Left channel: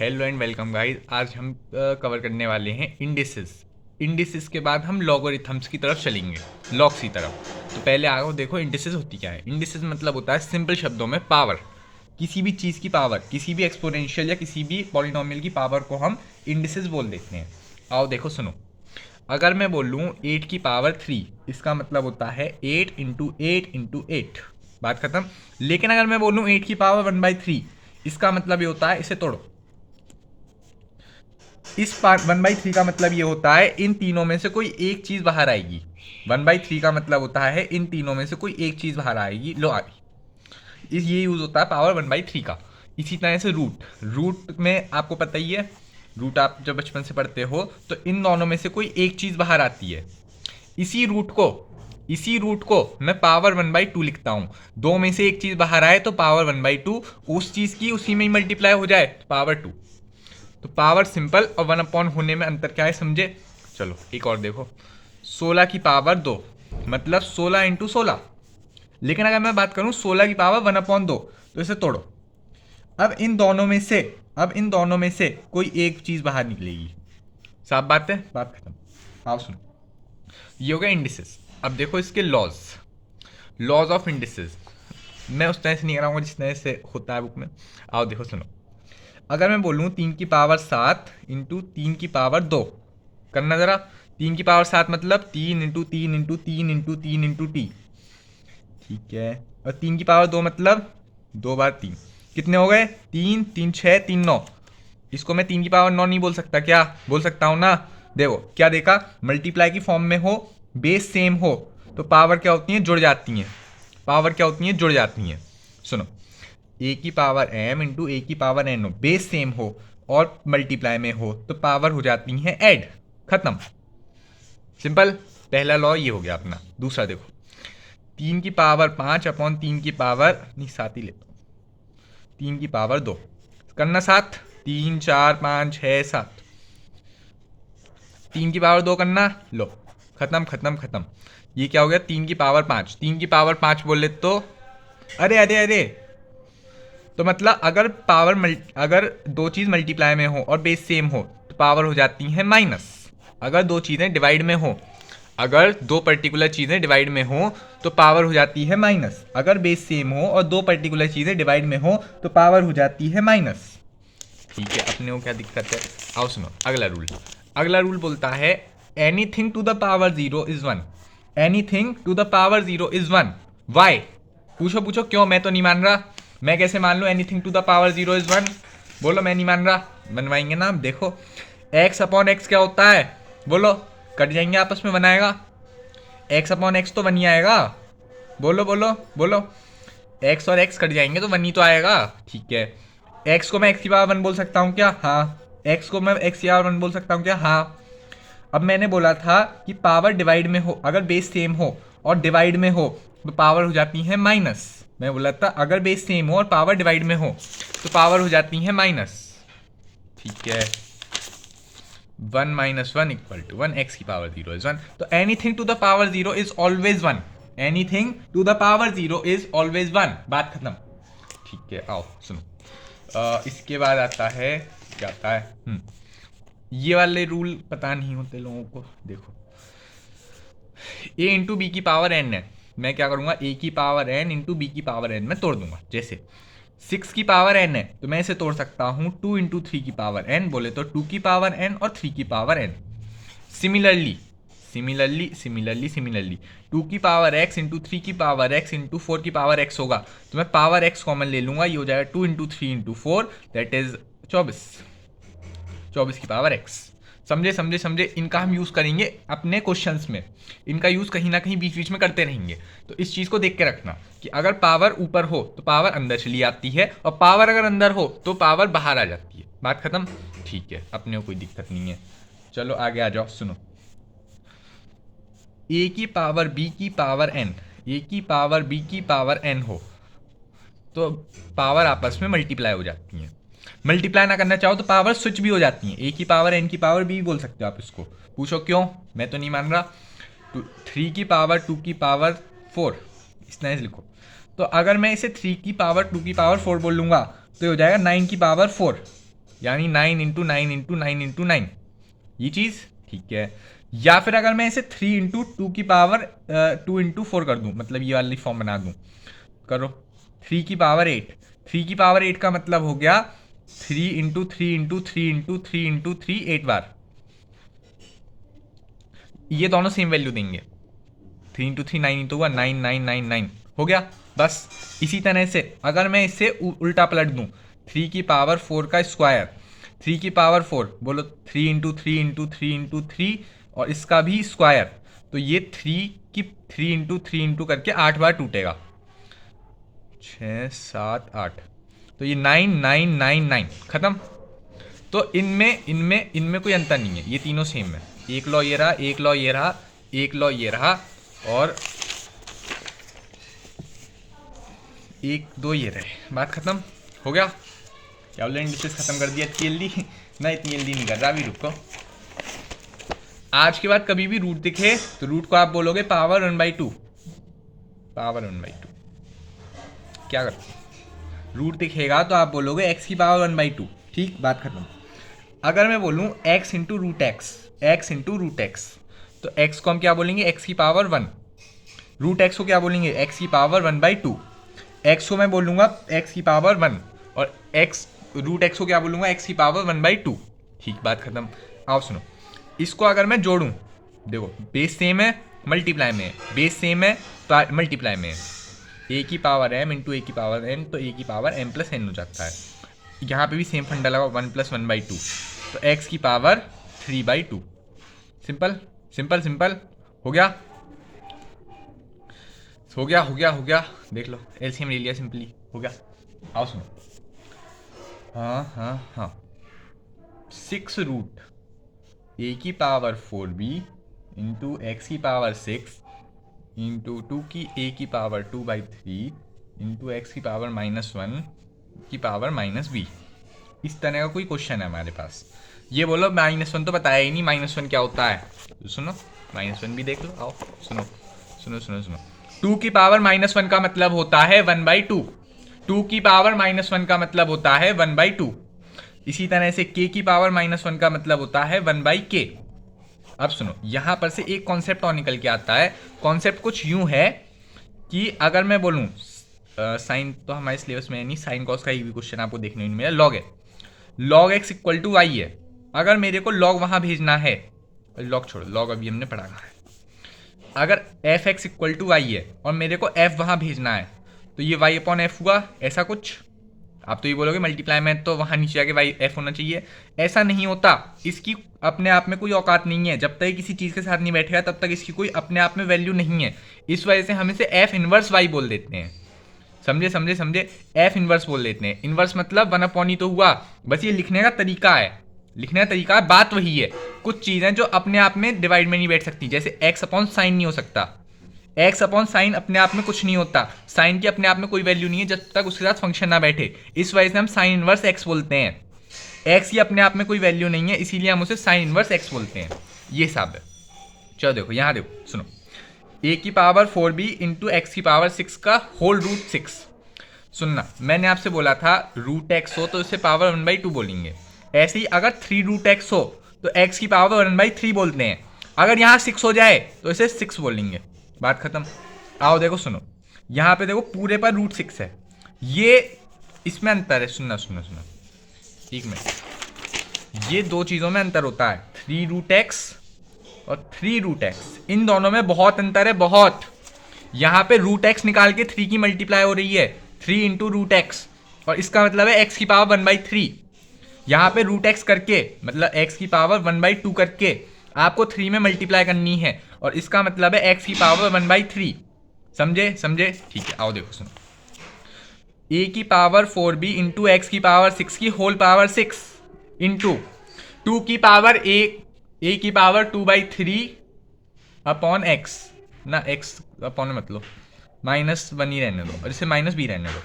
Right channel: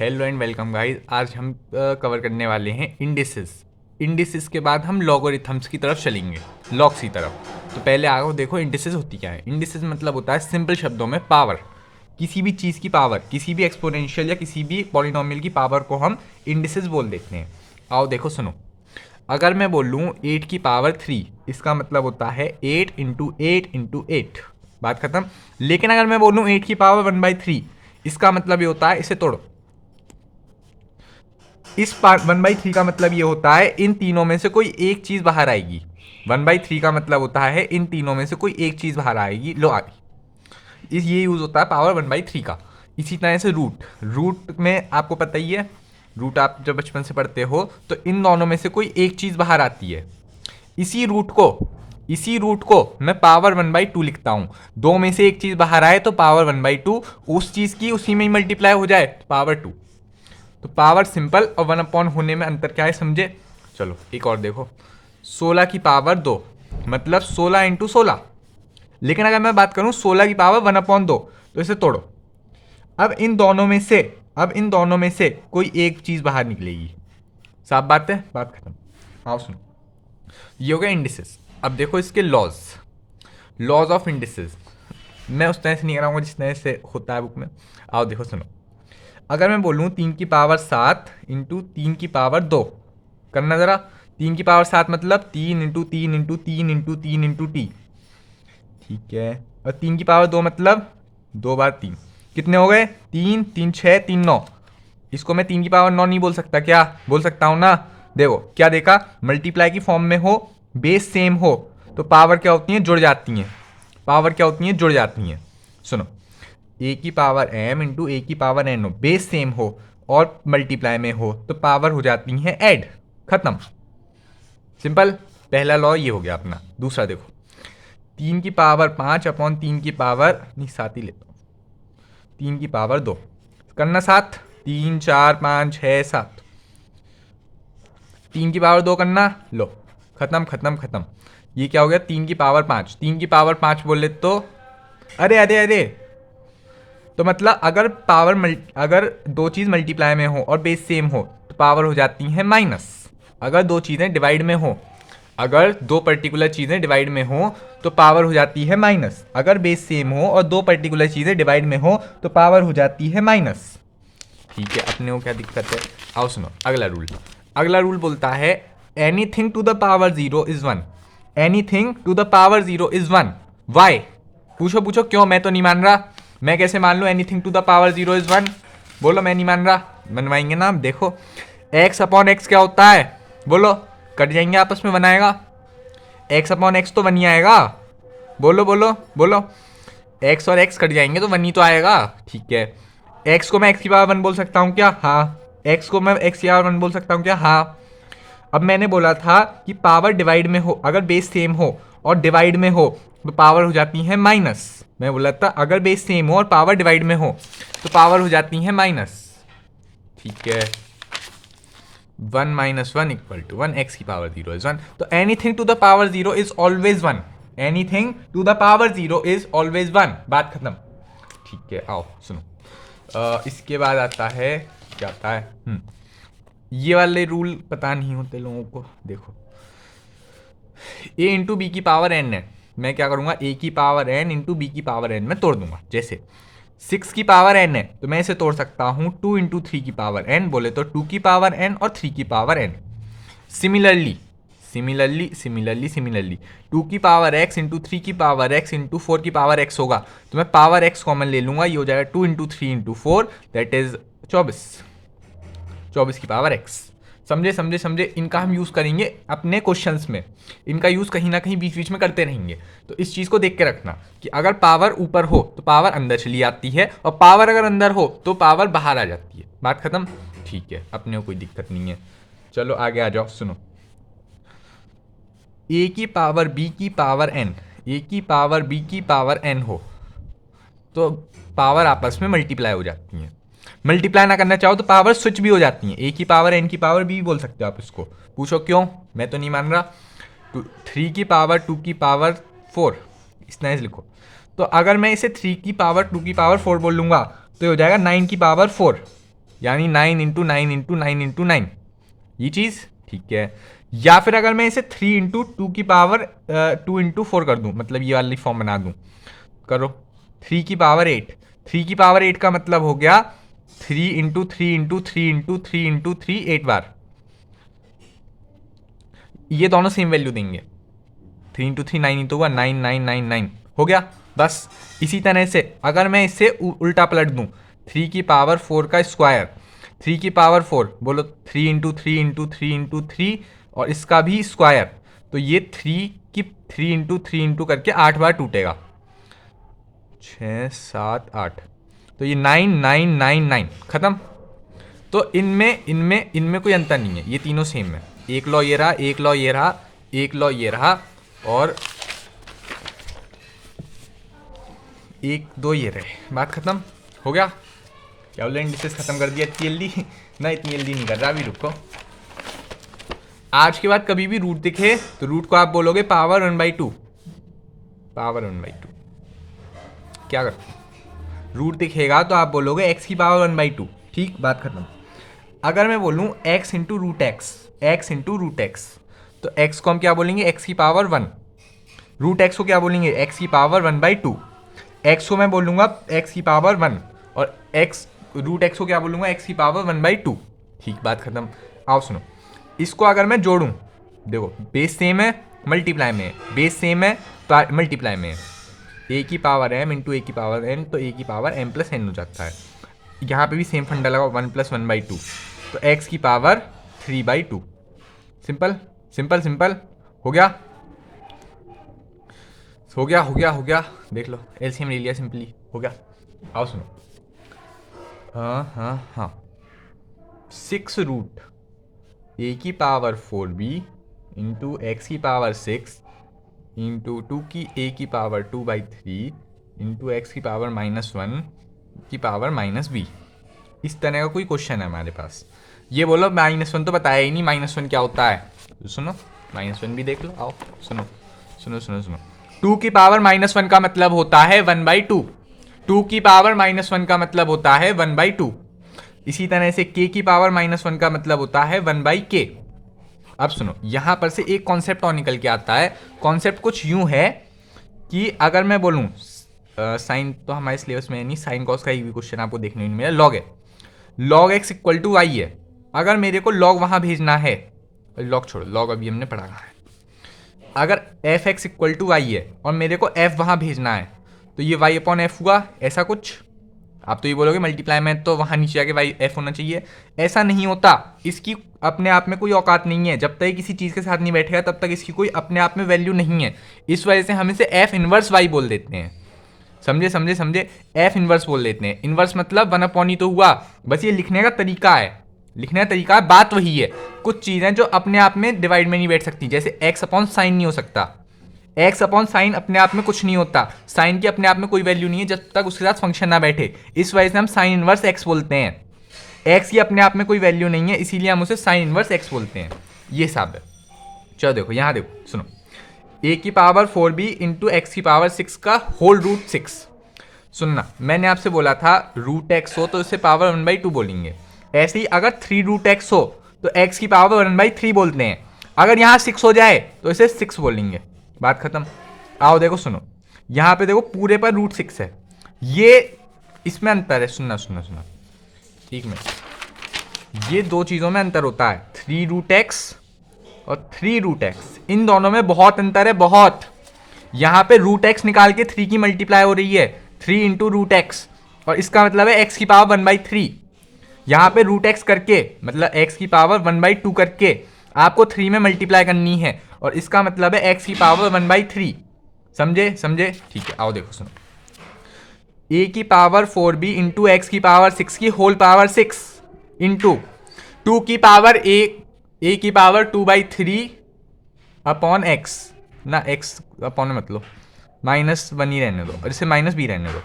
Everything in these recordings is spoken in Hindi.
Hello and welcome guys. आज हम कवर करने वाले हैं इंडिसेस। इंडिसेस के बाद हम लॉगरिथम्स की तरफ चलेंगे, लॉग्स की तरफ। तो पहले आओ देखो इंडिसेस होती क्या है। इंडिसेस मतलब होता है सिंपल शब्दों में पावर, किसी भी चीज़ की पावर, किसी भी एक्सपोनेंशियल या किसी भी पॉलिनोमियल की पावर को हम इंडिसेस बोल देते हैं। आओ देखो सुनो, अगर मैं बोलूँ 8 की पावर 3, इसका मतलब होता है 8 × 8 × 8। बात खत्म। लेकिन अगर मैं बोलूँ 8 की पावर 1/3, इसका मतलब ये होता है, इसे तोड़ो, इस 1/3 का मतलब ये होता है इन तीनों में से कोई एक चीज बाहर आएगी। 1/3 का मतलब होता है इन तीनों में से कोई एक चीज बाहर आएगी। लो आ गई। इस ये यूज होता है पावर 1/3 का। इसी तरह से रूट, रूट में आपको पता ही है, रूट आप जब बचपन से पढ़ते हो तो इन दोनों में से कोई एक चीज बाहर आती है। इसी रूट को इसी रूट को मैं पावर 1/2 लिखता हूं। दो में से एक चीज बाहर आए तो पावर 1/2, उस चीज की उसी में ही मल्टीप्लाई हो जाए तो पावर 2। तो पावर सिंपल और 1/, होने में अंतर क्या है समझे। चलो एक और देखो, 16 की पावर 2 मतलब 16 × 16। लेकिन अगर मैं बात करूं 16 की पावर 1/2, तो इसे तोड़ो। अब इन दोनों में से कोई एक चीज बाहर निकलेगी। साफ बात है, बात खत्म। आओ सुनो, ये हो गया इंडिसेस। अब देखो इसके लॉज, लॉज ऑफ इंडिसेस। मैं उस तरह से नहीं कराऊंगा जिस तरह से होता है बुक में। आओ देखो सुनो, अगर मैं बोलूँ 3 की पावर 7 × 3 की पावर 2, करना ज़रा। 3 की पावर 7 मतलब 3 × 3 × 3 × 3 × टी। ठीक है। और 3 की पावर 2 मतलब 2 बार 3। कितने हो गए? 3 3 6 3 9। इसको मैं 3 की पावर 9 नहीं बोल सकता क्या? बोल सकता हूँ ना। देखो क्या देखा, मल्टीप्लाई की फॉर्म में हो, बेस सेम हो, तो पावर क्या होती हैं? जुड़ जाती हैं। पावर क्या होती हैं? जुड़ जाती हैं। सुनो, A की पावर m × A की पावर n हो, बेस सेम हो और मल्टीप्लाई में हो, तो पावर हो जाती हैं ऐड। खत्म, सिंपल। पहला लॉ ये हो गया अपना। दूसरा देखो, 3 की पावर 5 अपॉन 3 की पावर, नहीं 7 ही लेता हूँ, 3 की पावर 2, करना 7। 3 4 5 6 7, 3 की पावर 2 करना। लो, खत्म खत्म खत्म। ये क्या हो गया? 3 की पावर 5। 3 की पावर 5 बोले तो, अरे अरे अरे, तो मतलब अगर दो चीज़ मल्टीप्लाई में हो और बेस सेम हो तो पावर हो जाती है माइनस। अगर दो चीज़ें डिवाइड में हो, अगर दो पर्टिकुलर चीज़ें डिवाइड में हो तो पावर हो जाती है माइनस। अगर बेस सेम हो और दो पर्टिकुलर चीज़ें डिवाइड में हो तो पावर हो जाती है माइनस। ठीक है, अपने को क्या दिक्कत है। आओ सुनो अगला रूल। अगला रूल बोलता है anything to the power 0 is 1। Anything to the power 0 is 1। Why? पूछो पूछो क्यों? मैं तो नहीं मान रहा। मैं कैसे मान लूँ anything to the power 0 is 1? बोलो, मैं नहीं मान रहा। बनवाएंगे ना हम, देखो। x/x क्या होता है? बोलो, कट जाएंगे आपस में, बनाएगा। x/x तो 1 ही आएगा। बोलो बोलो बोलो, x और x कट जाएंगे तो 1 ही तो आएगा। ठीक है। x को मैं x की पावर 1 बोल सकता हूँ क्या? हाँ। x को मैं x की पावर 1 बोल सकता हूँ क्या? हाँ। अब मैंने बोला था कि पावर डिवाइड में हो, अगर बेस सेम हो और डिवाइड में हो तो पावर हो जाती है माइनस। मैं बोला था अगर बेस सेम हो और पावर डिवाइड में हो तो पावर हो जाती है माइनस। ठीक है। 1 - 1 = 1, x की पावर 0 इज 1। तो anything to the power 0 is always 1। Anything to the power 0 is always 1। बात खत्म। ठीक है, आओ सुनो। इसके बाद आता है, क्या आता है, ये वाले रूल पता नहीं होते लोगों को। देखो, a × b की पावर n है, मैं क्या करूंगा, a की पावर n × b की पावर n में तोड़ दूंगा। जैसे 6 की पावर n है तो मैं इसे तोड़ सकता हूँ 2 × 3 की पावर n, बोले तो 2 की पावर n और 3 की power n। Similarly similarly similarly similarly 2 की पावर x × 3 की पावर x × 4 की पावर x होगा, तो मैं पावर x कॉमन ले लूंगा। ये हो जाएगा 2 × 3 × 4, दैट इज 24। 24 की पावर x। समझे समझे समझे। इनका हम यूज़ करेंगे अपने क्वेश्चंस में। इनका यूज़ कहीं ना कहीं बीच बीच में करते रहेंगे। तो इस चीज़ को देख के रखना कि अगर पावर ऊपर हो तो पावर अंदर चली आती है, और पावर अगर अंदर हो तो पावर बाहर आ जाती है। बात खत्म। ठीक है, अपने को कोई दिक्कत नहीं है। चलो आगे आ जाओ, सुनो। a की पावर b की पावर n हो तो पावर आपस में मल्टीप्लाई हो जाती हैं। मल्टीप्लाई ना करना चाहो तो पावर स्विच भी हो जाती हैं। a की पावर n की पावर b भी बोल सकते हो आप इसको। पूछो क्यों? मैं तो नहीं मान रहा। 3 की पावर 2 की पावर 4, इस तरह से लिखो। तो अगर मैं इसे 3 की पावर 2 की पावर 4 बोल लूँगा तो ये हो जाएगा 9 की पावर 4। यानी 9 इंटू 9 इंटू 9 इंटू 9, ये चीज़ ठीक है। या फिर अगर मैं इसे 3 इंटू 2 की पावर 2 इंटू 4 कर दूँ, मतलब ये वाली फॉर्म बना दूँ, करो 3 की पावर 8, 3 की पावर 8 का मतलब हो गया 3 इंटू 3 इंटू 3 इंटू 3 इंटू 3 8 बार, ये दोनों सेम वैल्यू देंगे। 3 इंटू 3 9 इंटू 1 9 9 9 9 हो गया बस। इसी तरह से अगर मैं इसे उल्टा पलट दूँ, 3 की पावर 4 का स्क्वायर, 3 की पावर 4 बोलो 3 इंटू 3 इंटू 3 इंटू 3 और इसका भी स्क्वायर, तो ये 3 इंटू 3 इंटू करके 8 बार टूटेगा, 6 7 8, तो ये 9 9 9 9 खत्म। तो इनमें इनमें इनमें कोई अंतर नहीं है, ये तीनों सेम है। एक लॉ ये रहा, एक लॉ ये रहा, एक लॉ ये रहा, और एक दो ये रहे, बात खत्म हो गया। क्या बोले, इंडिसेस खत्म कर दिया इतनी जल्दी? ना इतनी जल्दी नहीं कर रहा, अभी रुको। आज के बाद कभी भी रूट दिखे तो रूट को आप बोलोगे पावर 1/2, पावर 1/2। क्या कर, रूट दिखेगा तो आप बोलोगे एक्स की पावर 1/2, ठीक, बात खत्म। अगर मैं बोलूँ x into root x, x into root x, तो एक्स को हम क्या बोलेंगे, एक्स की पावर 1, रूट एक्स को क्या बोलेंगे, एक्स की पावर 1/2। एक्स को मैं बोलूँगा एक्स की पावर 1, और एक्स रूट एक्स को क्या बोलूँगा, एक्स की पावर 1/2, ठीक, बात खत्म। आओ सुनो, इसको अगर मैं जोड़ूँ, देखो बेस सेम है, मल्टीप्लाई में है, बेस सेम है, मल्टीप्लाई में है, ए की पावर एम इंटू ए की पावर एन, तो ए की पावर एम प्लस एन हो जाता है। यहाँ पे भी सेम फंडा लगा, 1 + 1/2, तो एक्स की पावर 3/2। सिंपल सिंपल सिंपल, हो गया हो गया हो गया हो गया, देख लो एलसीएम ले लिया, सिंपली हो गया। आओ सुनो, हाँ हाँ हाँ, 6 रूट ए की पावर 4b इंटू एक्स की पावर 6 इंटू 2 की ए की पावर 2/3 इंटू एक्स की पावर -1 की पावर -b, इस तरह का कोई क्वेश्चन है हमारे पास। ये बोलो -1 तो बताया ही नहीं, -1 क्या होता है, तो सुनो -1 भी देख लो। आओ सुनो सुनो सुनो सुनो, 2 की पावर -1 का मतलब होता है 1/2, 2 की पावर -1 का मतलब होता है 1/2। इसी तरह से k की पावर -1 का मतलब होता है 1/k। अब सुनो, यहां पर से एक कॉन्सेप्ट और निकल के आता है। कॉन्सेप्ट कुछ यूं है कि अगर मैं बोलूं, साइन तो हमारे सिलेबस में है नहीं, साइन कॉस का ही भी क्वेश्चन आपको देखने में मिला, लॉग है, log x equal to y है। अगर मेरे को लॉग वहां भेजना है, लॉग छोड़ो, लॉग अभी हमने पढ़ा है, अगर f x equal to y है और मेरे को एफ वहां भेजना है, तो ये वाई अपॉन एफ हुआ, ऐसा कुछ। आप तो ये बोलोगे मल्टीप्लाई में तो वहां नीचे आके वाई एफ होना चाहिए, ऐसा नहीं होता। इसकी अपने आप में कोई औकात नहीं है, जब तक किसी चीज़ के साथ नहीं बैठेगा तब तक इसकी कोई अपने आप में वैल्यू नहीं है। इस वजह से हम इसे एफ इनवर्स वाई बोल देते हैं, समझे समझे समझे, एफ इनवर्स बोल देते हैं। इनवर्स मतलब 1/, ही तो हुआ, बस ये लिखने का तरीका है, लिखने का तरीका है, बात वही है। कुछ चीज़ें जो अपने आप में डिवाइड में नहीं बैठ सकती, जैसे एक्स अपॉन साइन नहीं हो सकता, एक्स अपॉन साइन अपने आप में कुछ नहीं होता, साइन की अपने आप में कोई वैल्यू नहीं है जब तक उसके साथ फंक्शन ना बैठे, इस वजह से हम साइन इनवर्स एक्स बोलते हैं। एक्स की अपने आप में कोई वैल्यू नहीं है, इसीलिए हम उसे साइन इनवर्स एक्स बोलते हैं, ये सब है। चलो देखो, यहाँ देखो सुनो, ए की पावर 4b इंटू एक्स की पावर 6 का होल रूट 6। सुनना, मैंने आपसे बोला था रूट एक्स हो तो इसे पावर 1/2 बोलेंगे, ऐसे ही अगर 3 रूट एक्स हो तो एक्स की पावर 1/3 बोलते हैं, अगर यहाँ 6 हो जाए तो इसे 6 बोलेंगे, बात खत्म। आओ देखो सुनो, यहाँ पे देखो पूरे पर रूट 6 है, ये इसमें अंतर है, सुनना सुनना सुनना, एक मिनट, ये दो चीज़ों में अंतर होता है, 3 रूट एक्स और 3 रूट एक्स, इन दोनों में बहुत अंतर है, बहुत। यहाँ पे रूट एक्स निकाल के 3 की मल्टीप्लाई हो रही है, 3 इंटू रूट एक्स, और इसका मतलब है एक्स की पावर 1/3। यहाँ पे रूट एक्स करके मतलब एक्स की पावर 1/2 करके आपको 3 में मल्टीप्लाई करनी है, और इसका मतलब है एक्स की पावर 1/3, समझे समझे, ठीक है। आओ देखो सुनो, ए की पावर 4b इंटू एक्स की पावर 6 की होल पावर 6 इंटू 2 की पावर ए की पावर 2/3 अपॉन एक्स, ना एक्स अपॉन मतलब -1 ही रहने दो और इसे -b रहने दो।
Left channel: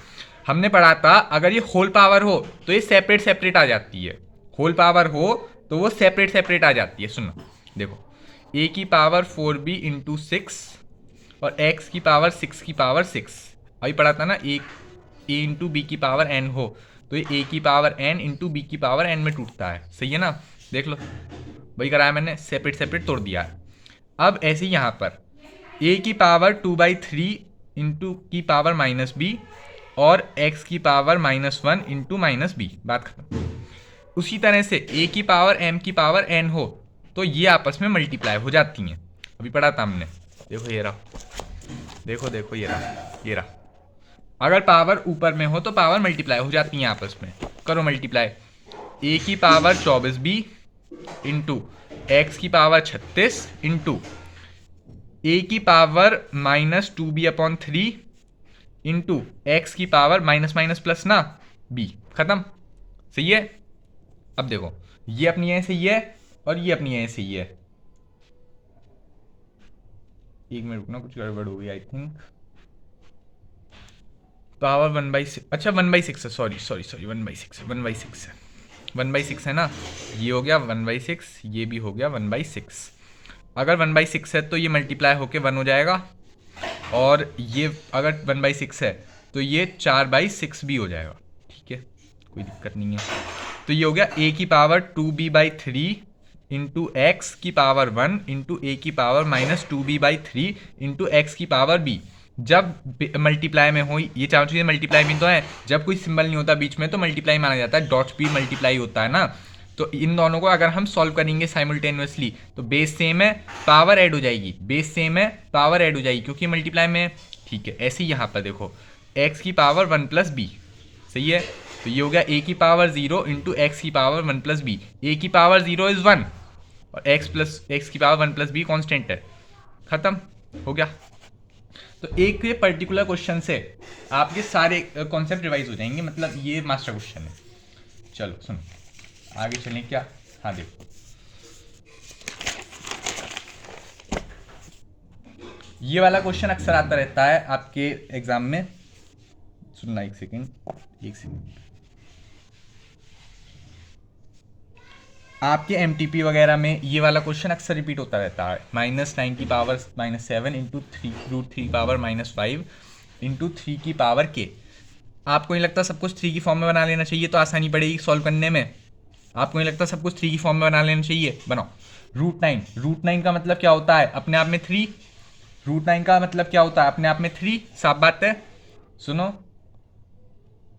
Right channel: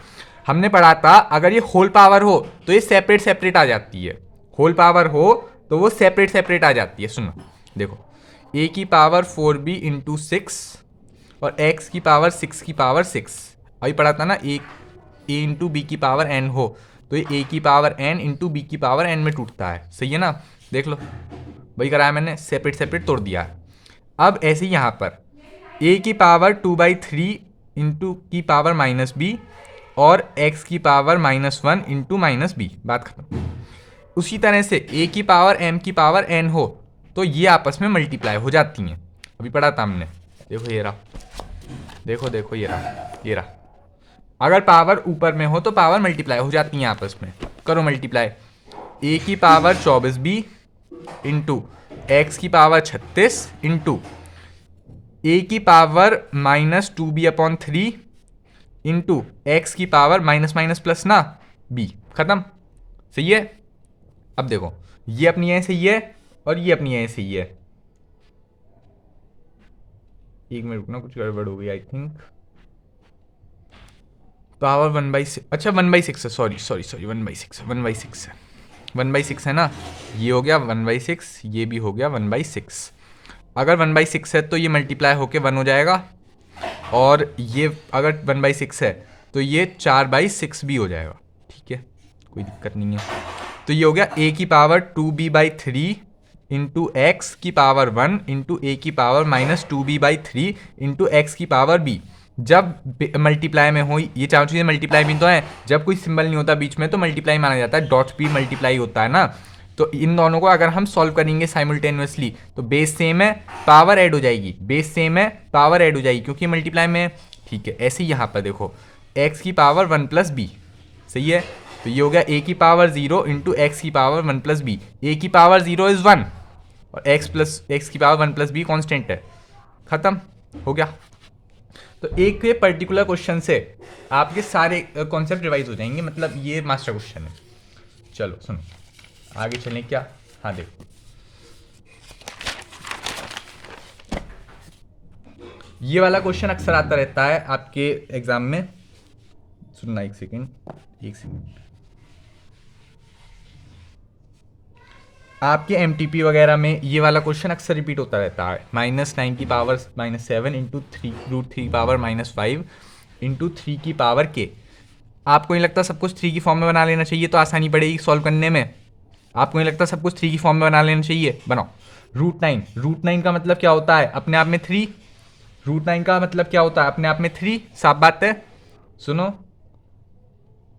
हमने पढ़ा था अगर ये होल पावर हो तो ये सेपरेट सेपरेट आ जाती है, होल पावर हो तो वो सेपरेट सेपरेट आ जाती है। सुनो देखो, ए की पावर 4b इंटू 6 और एक्स की पावर 6 की पावर 6, अभी पढ़ा था ना, ए इंटू बी की पावर n हो, तो ये ए की पावर एन इंटू बी की पावर एन में टूटता है, सही है ना। देख लो वही कराया मैंने, सेपरेट सेपरेट तोड़ दिया है। अब ऐसे ही यहाँ पर ए की पावर 2/3 इंटू की पावर माइनस बी और एक्स की पावर -1 इंटू माइनस बी, बात खत्म। उसी तरह से ए की पावर एम की पावर एन हो तो ये आपस में मल्टीप्लाई हो जाती हैं, अभी पढ़ा था हमने। देखो ये रहा, देखो देखो ये रहा, ये रहा। अगर पावर ऊपर में हो तो पावर मल्टीप्लाई हो जाती हैं आपस में। करो मल्टीप्लाई, ए की पावर 24b इंटू एक्स की पावर 36 इंटू ए की पावर -2b/3 इंटू एक्स की पावर माइनस माइनस प्लस ना b, खत्म, सही है। अब देखो ये अपनी यहीं सही है और ये अपनी यहीं सही है। एक मिनट रुकना, कुछ गड़बड़ हो गई आई थिंक। पावर 1/6, अच्छा 1/6 है, सॉरी सॉरी सॉरी 1/6 है, 1/6 है, 1/6 है ना। ये हो गया 1/6, ये भी हो गया 1/6। अगर 1/6 है तो ये मल्टीप्लाई होके 1 हो जाएगा, और ये अगर 1/6 है तो ये 4/6 भी हो जाएगा, ठीक है, कोई दिक्कत नहीं है। तो ये हो गया ए की पावर 2b/3 इंटू एक्स की पावर 1 इंटू ए की पावर -2b/3 इंटू एक्स की पावर b। जब मल्टीप्लाई में हो, ये चारों चीज़ें मल्टीप्लाई भी तो है, जब कोई सिंबल नहीं होता बीच में तो मल्टीप्लाई माना जाता है, डॉट्स भी मल्टीप्लाई होता है ना। तो इन दोनों को अगर हम सॉल्व करेंगे साइमल्टेनियसली तो बेस सेम है, पावर ऐड हो जाएगी, बेस सेम है, पावर ऐड हो जाएगी क्योंकि मल्टीप्लाई में, ठीक है। ऐसे ही यहाँ पर देखो एक्स की पावर 1 + b, सही है। तो ये हो गया ए की पावर 0 इंटू एक्स की पावर 1 + b। ए की पावर 0 इज़ 1 और एक्स की पावर 1 + b कॉन्स्टेंट है, खत्म हो गया। तो एक ये पर्टिकुलर क्वेश्चन से आपके सारे कॉन्सेप्ट रिवाइज हो जाएंगे, मतलब ये मास्टर क्वेश्चन है। चलो सुनो आगे चलें क्या, हाँ देखो ये वाला क्वेश्चन अक्सर आता रहता है आपके एग्जाम में। सुनना एक सेकेंड, एक सेकेंड। आपके एमटीपी वगैरह में ये वाला क्वेश्चन अक्सर रिपीट होता रहता है। -9 की पावर -7 इंटू √3 पावर -5 इंटू 3 की पावर k। आपको नहीं लगता सब कुछ 3 की फॉर्म में बना लेना चाहिए तो आसानी पड़ेगी सॉल्व करने में? आपको नहीं लगता सब कुछ 3 की फॉर्म में बना लेना चाहिए? बनाओ। √9 का मतलब क्या होता है अपने आप में 3। √9 का मतलब क्या होता है अपने आप में 3, साफ बात है। सुनो,